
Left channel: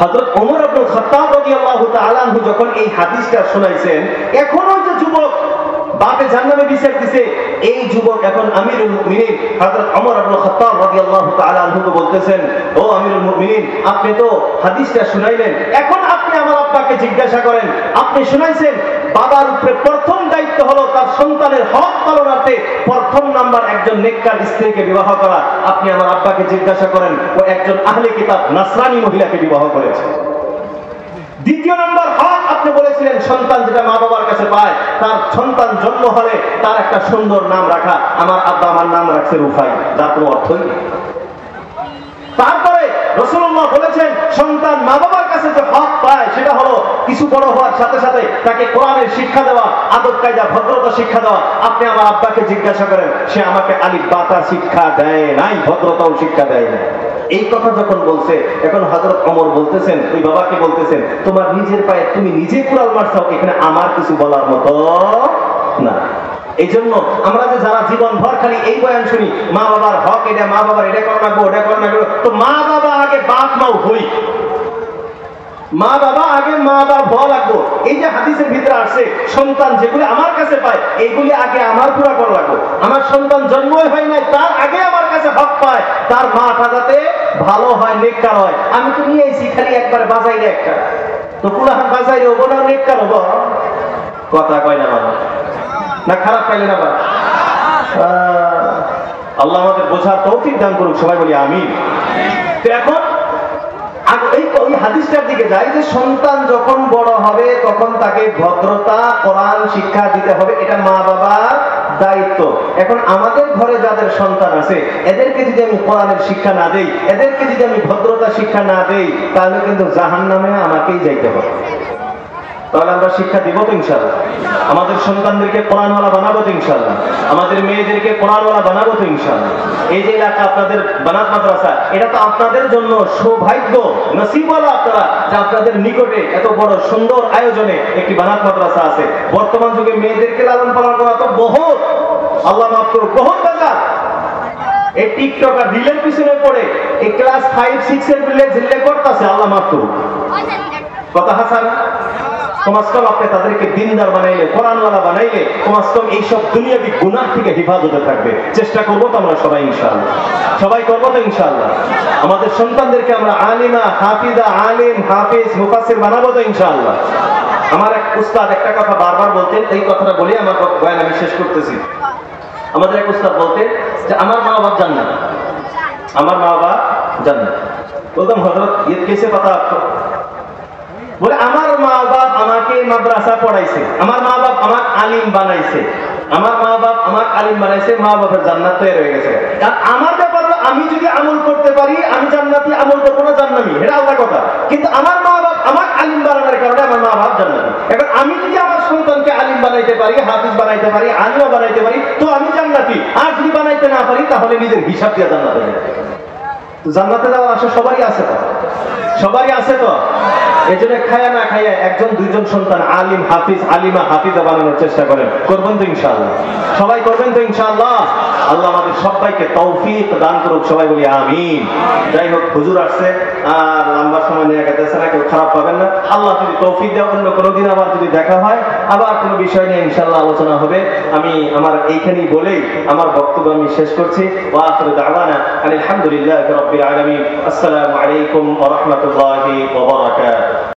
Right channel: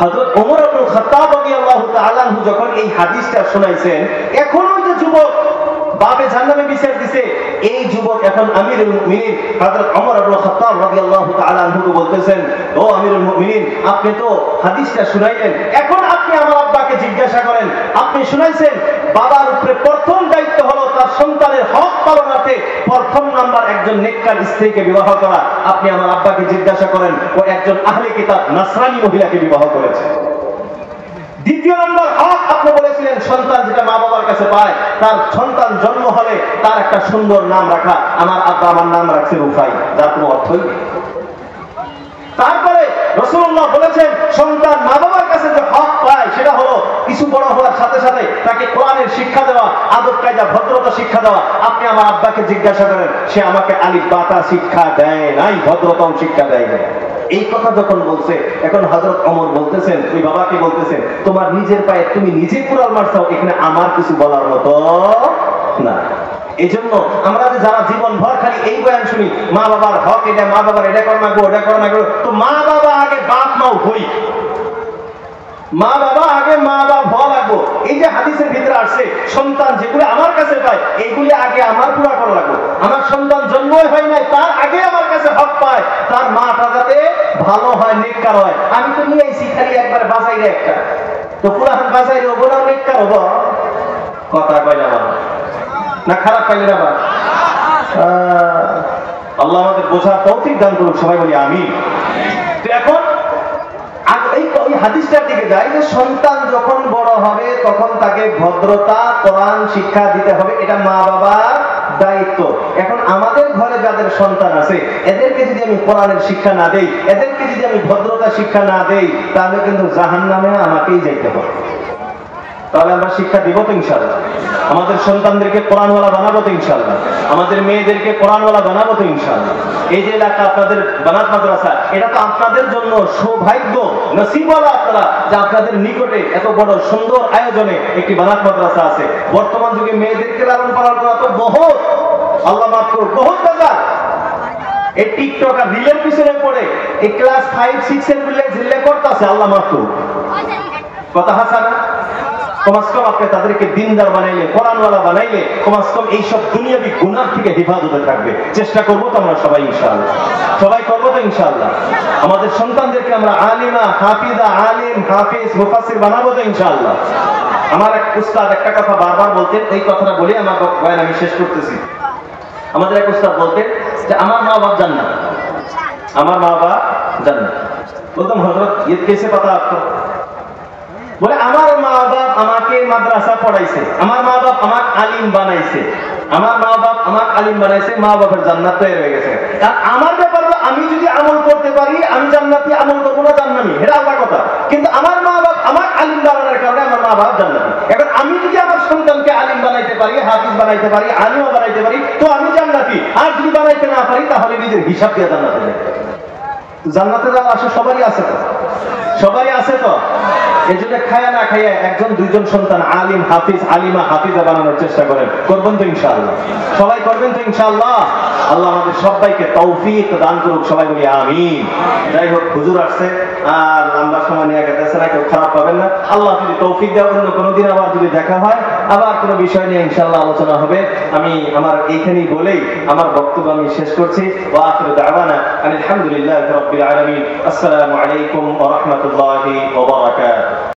হযরত ওমর ইবনে খাত্তাব রাদিয়াল্লাহু তাআলা আনহু যখন এই হাদিসটা শোনাইছেন, এখনো যে যুবক বাপে জাহান্নামে বিচার দিছে। এই যুবক এখন আমিরুল মুমিনিন হযরত ওমর ইবনে খাত্তাব রাদিয়াল্লাহু তাআলা আনহুকে বলতেছেন, ও আমিরুল মুমিনিন, আপনি তো হাদিসটা শুনাইলেন, এখন আপনি আমার আব্বাকে জিজ্ঞাসা করেন। আপনি শুনাইছেন বাবার উপরে প্রথম দায়িত্ব হলো তার সন্তানের হক পালনার্থে প্রথম নাম্বার একজন নেককার স্ত্রীকে বিবাহ করা। আপনি আমার আব্বাকে জিজ্ঞাসা করেন, ও একজন আহলে কিতাব নাসরানী মহিলাকে বিবাহ করেছে। দ্বিতীয় নম্বর হক আপনি বলেছিলেন সন্তান যেটা মা বাবার কাছে পায়, তার সন্তান জন্ম হলে তার একটা সুন্দর নাম রাখা। আমার আব্বা আমার নাম রাখছে রুফাই, যার কোনো অর্থই নেই। তারপরে রাসূলুল্লাহ বলেছেন সন্তান মা বাবার কাছে যে হক পায় সেটা হলো কিছু বড় হওয়ার সাথে সাথে তাকে কোরআনের শিক্ষা দেওয়া, আদব কায়দা ভদ্রতা শিক্ষা দেওয়া। আপনি আমার আব্বাকে জিজ্ঞাসা করেন, সে আমাকে আলিফ বাতা শিক্ষা দেয় নাই, ভদ্রতাও শিক্ষা দেয় না। এই কথা যখন বলছে, এখন হযরত ওমর বলতেছেন, ওই বাবাকে বলতেছেন, তোমার নিজের পায়ে তুমি নিজে কুড়াল মারছাও, এখানে আমার কিছু বলার মতো না। এই জন্য আমরা যে যারা জীবন ভর খালি এই বয়ান শুনি, মা বাবার হক এটা, মা বাবার এটা কর না গো, ওটা কর না গো, তো মা বাবা আগে বাপ নাও হই, মা বাবা আগে মা বাবা হওয়া লাগবো। এই যে হাদিসের ভিতরে আসছে সন্তান যেগুলো আমার কাছে পায় এইগুলি আগে আমার পুরা করা লাগবো। আমার সন্তান জন্মই হয় নাই, তার আগে আমার কাছে হক পায়, তার মাটা যাতে ভালো হয়, নেককার হয়। আমি তো নিয়ে আইছি খালি একবার বাজাইলে একটা, তো পুরান বাজাইলে ও বড় নেককার হবো, কথা কয় না না খারাপ পাই না। আল্লাহ আমাদের বোঝার তৌফিক দান করুক, সবাই বলি আমিন। তো এখন ওই হাদিসটার দিকে যাই যে সন্তান যখন বড় হবে তখন তাকে ভদ্রতা কোরআন শিক্ষা দিতে হবে, এটা মা বাবার দায়িত্ব। এখন আমাদের ঘরে যাদের সন্তান আছে এদেরকে যদি আমি কোরআনের শিক্ষা না দেই, এদেরকে যদি আমি ভদ্রতা শিক্ষা না দেই, তাহলে কিন্তু জাহান্নামে আমাকেই যাইতে হবে। তাহলে আমরা শিক্ষা দিব তো ইনশাআল্লাহ, আমাদের সন্তানদেরকে কোরআনওয়ালা বানাবো তো ইনশাআল্লাহ, আমাদের মেয়েদেরকে কোরআনওয়ালা বানাবো তো ইনশাআল্লাহ। এই যে এলাকা আপনাদের বানাত মাদ্রাসা, এটা তো আপনাদের জন্য সৌভাগ্য, নসিবওয়ালা আপনারা যে আপনাদের নিকটে এত বড় সুন্দর আয়োজনে একটি বানাত মাদ্রাসা আছে। বর্তমান যুগে মেয়েদেরকে লালন পালন করা তো বহুত, আল্লাহ মাফ করুক, বহুত দরকার। এই টিকটক আর রিলের পিছনে পড়ে এই ক্লাস 5-6 এর রিলে ঝিল্লে করতেছে, আল্লাহ মাফ করুক, কথা হাসানা। কমাসকম আপনি তাদেরকে দিনদার বানাইলে, কোরআনওয়ালা বানাইলে কমাসকম এইসব দুনিয়াবি গুনাহ থেকে হেফাজতে থাকবে। চেষ্টা করবো তো আমরা সবাই ইনশাআল্লাহ, সবাই করবো তো ইনশাআল্লাহ। আমাদের সন্তানদেরকে আমরা আলিমা, হাফিজা, আলিম, হাফিজ, মুফাসসির বানাবো তো ইনশাআল্লাহ। আমার এক উস্তাদ একটা কথা বারবার বলতেন, এই কথাটা বলে আমার বয়ান আমি শেষ করতেছি। আমাদের এক উস্তাদ বলতেন যে আমার মা বাপ জান্নাত, আমার মা বাবা জান্নাত। বলতাম হযরত ये कैसे पता आपको? বলে আমার মা বাপ আমাকে মাদ্রাসা পড়াইছে, আমার মা বাপ আমার আলিম বানাইছে, আমার মা বাপ আমার আলিম বানাইছে, মা বাবার জান্নাত তৈরি হয়ে গেছে। আর আমার ব্যাপার আমি যদি আমল করতে পারি আমি জান্নাতি, আমল করবো না জান্নাতি, এটা আলাদা কথা। কিন্তু আমার মা বাপ আমার আলিম বানানোর কারণে আমার মা বাপ জান্নাতি। এখন আমি যদি আমার সন্তানকে আলিম বানাইতে পারি, হাফিজ বানাইতে পারি, আলিমও বানাইতে পারি, তো আমি জান্নাতি। আর যদি বানাইতে না পারি তাহলে নিজের হিসাব দিয়ে জান্নাতে যাই। জান্নাতে যাওয়ার আশা সবারই আছে তো, সবারই আছে তো। এই জন্য খায়া না খাইয়া একজন দুইজন সন্তান আলিম, হাফিজ, আলিমা, হাফিজা বানানোর চেষ্টা করেন, করবেন তো ইনশাআল্লাহ, সবাই করবেন তো ইনশাআল্লাহ। আল্লাহ আমাদের সবাইকে তৌফিক দান করুক, সবাই বলি আমিন। যাই হোক, হুজুর আসছে আর লম্বা সময় নিয়ে গেছে না, কেউ খারাপ পাবেন না। আল্লাহ যদি তৌফিক দেয় অন্য কোনোদিন আবার যদি দেখা হয়, আবার কোনো বিষয় নিয়ে ইনশাআল্লাহ আলোচনা হবে। আমি আমার এইখানেই বলেই আমার বক্তব্য আমি শেষ করছি। ওয়া আখিরু দাওয়ানা আলহামদুলিল্লাহি রাব্বিল আলামিন। আসসালামু আলাইকুম ওয়া রাহমাতুল্লাহি ওয়া বারাকাতুহু।